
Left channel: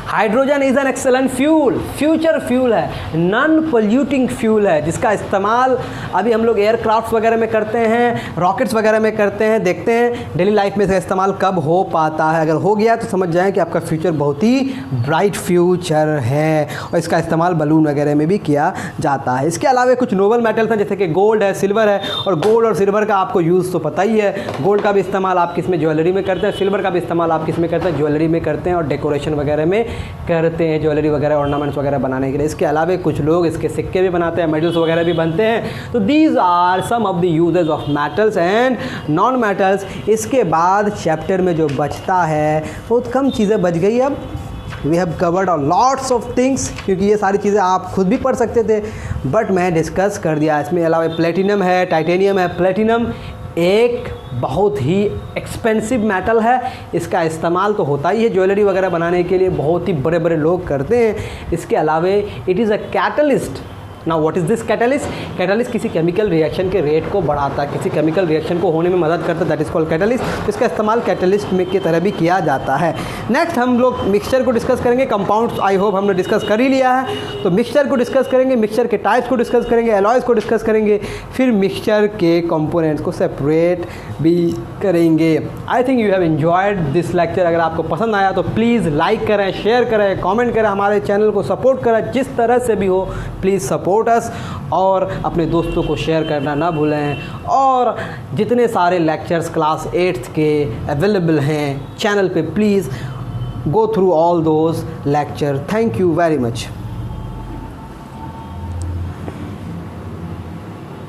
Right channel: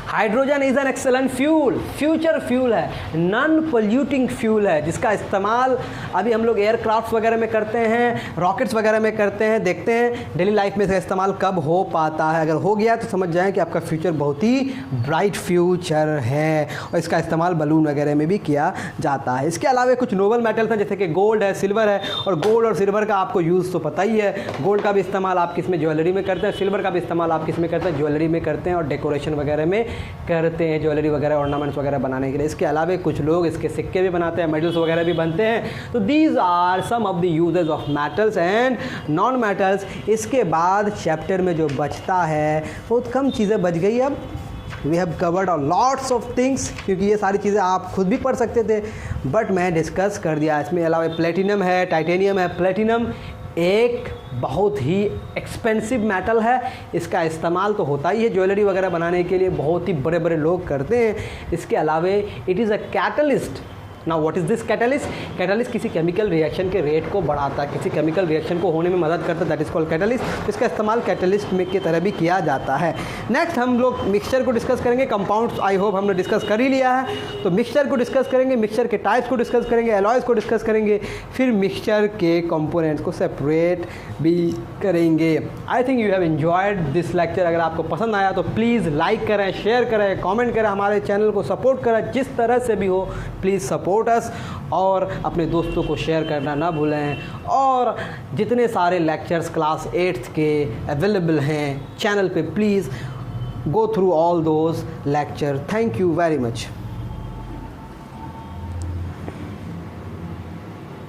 hydrogen is an excellent fuel, future fuel है, नॉन पोल्यूटिंग फ्यूल है, जिसका इस्तेमाल अभी हम लोग एयरक्राफ्ट वगैरह में करते हैं, रॉकेट्स वगैरह में करते हैं। देखते हैं डेली लाइफ में इसका इस्तेमाल कब हो पाता है। अगर हो गया तो समझ जाएं कि आपका फ्यूचर बहुत ही ब्राइट फ्यूचर है। और इसका इस्तेमाल बलून वगैरह में भी किया जाता है। इसके अलावा कुछ नोबल मेटल्स हैं, जैसे कि गोल्ड है, सिल्वर है। और गोल्ड और सिल्वर का आपको यूज़ तो पता ही है। गोल्ड का भी इस्तेमाल आप किस में, ज्वेलरी में करते हैं। सिल्वर का भी इस्तेमाल आप किस में करते हैं, ज्वेलरी में करते हैं और डेकोरेशन वगैरह में करते हैं, ज्वेलरी वगैरह ऑर्नामेंट्स वगैरह बनाने के लिए। इसके अलावा कुछ लोग इसके सिक्के भी बनाते हैं, मेडल्स वगैरह भी बनते हैं। तो these are some of the uses of metals and non metals. इसके बाद चैप्टर में जो बचता है बहुत कम चीज़ें बच गई। अब we have covered lots of things, क्योंकि ये सारी चीज़ें आप खुद भी पढ़ सकते थे, बट मैं डिस्कस कर दिया। इसमें अलावा प्लेटिनम है, टाइटेनियम है। प्लेटिनम एक बहुत ही एक्सपेंसिव मेटल है। इसका इस्तेमाल तो होता ही है ज्वेलरी वगैरह बनाने के लिए, बहुत ही बड़े बड़े लोग करते हैं। इसके अलावा it is a catalyst. Now what is this catalyst? Catalyst किसी केमिकल रिएक्शन के रेट को बढ़ाता है, किसी केमिकल रिएक्शन को होने में मदद करता है, दैट इज़ कॉल्ड कैटलिस्ट। इसका इस्तेमाल कैटलिस्ट में की तरह भी किया जाता है। नेक्स्ट हम लोग मिक्सचर को डिस्कस करेंगे। कंपाउंड्स आई होप हमने डिस्कस कर ही लिया है। तो मिक्सचर को डिस्कस करेंगे, मिक्सचर के टाइप्स को डिस्कस करेंगे, एलॉयज़ को डिस्कस करेंगे, फिर मिक्सचर के कंपोनेंट्स को सेपरेट भी करेंगे। I think you have enjoyed this lecture. अगर आपको पसंद आया तो प्लीज़ लाइक करें, शेयर करें, कॉमेंट करें, हमारे चैनल को सपोर्ट करें। जिस तरह से भी हो प्लीज़ सपोर्ट अस, और अपने दोस्तों को शेयर करना ना भूलें। और जितने सारे लेक्चर्स क्लास 8th के अवेलेबल हैं चैनल पे, please go through all those lecture. Thank you very much.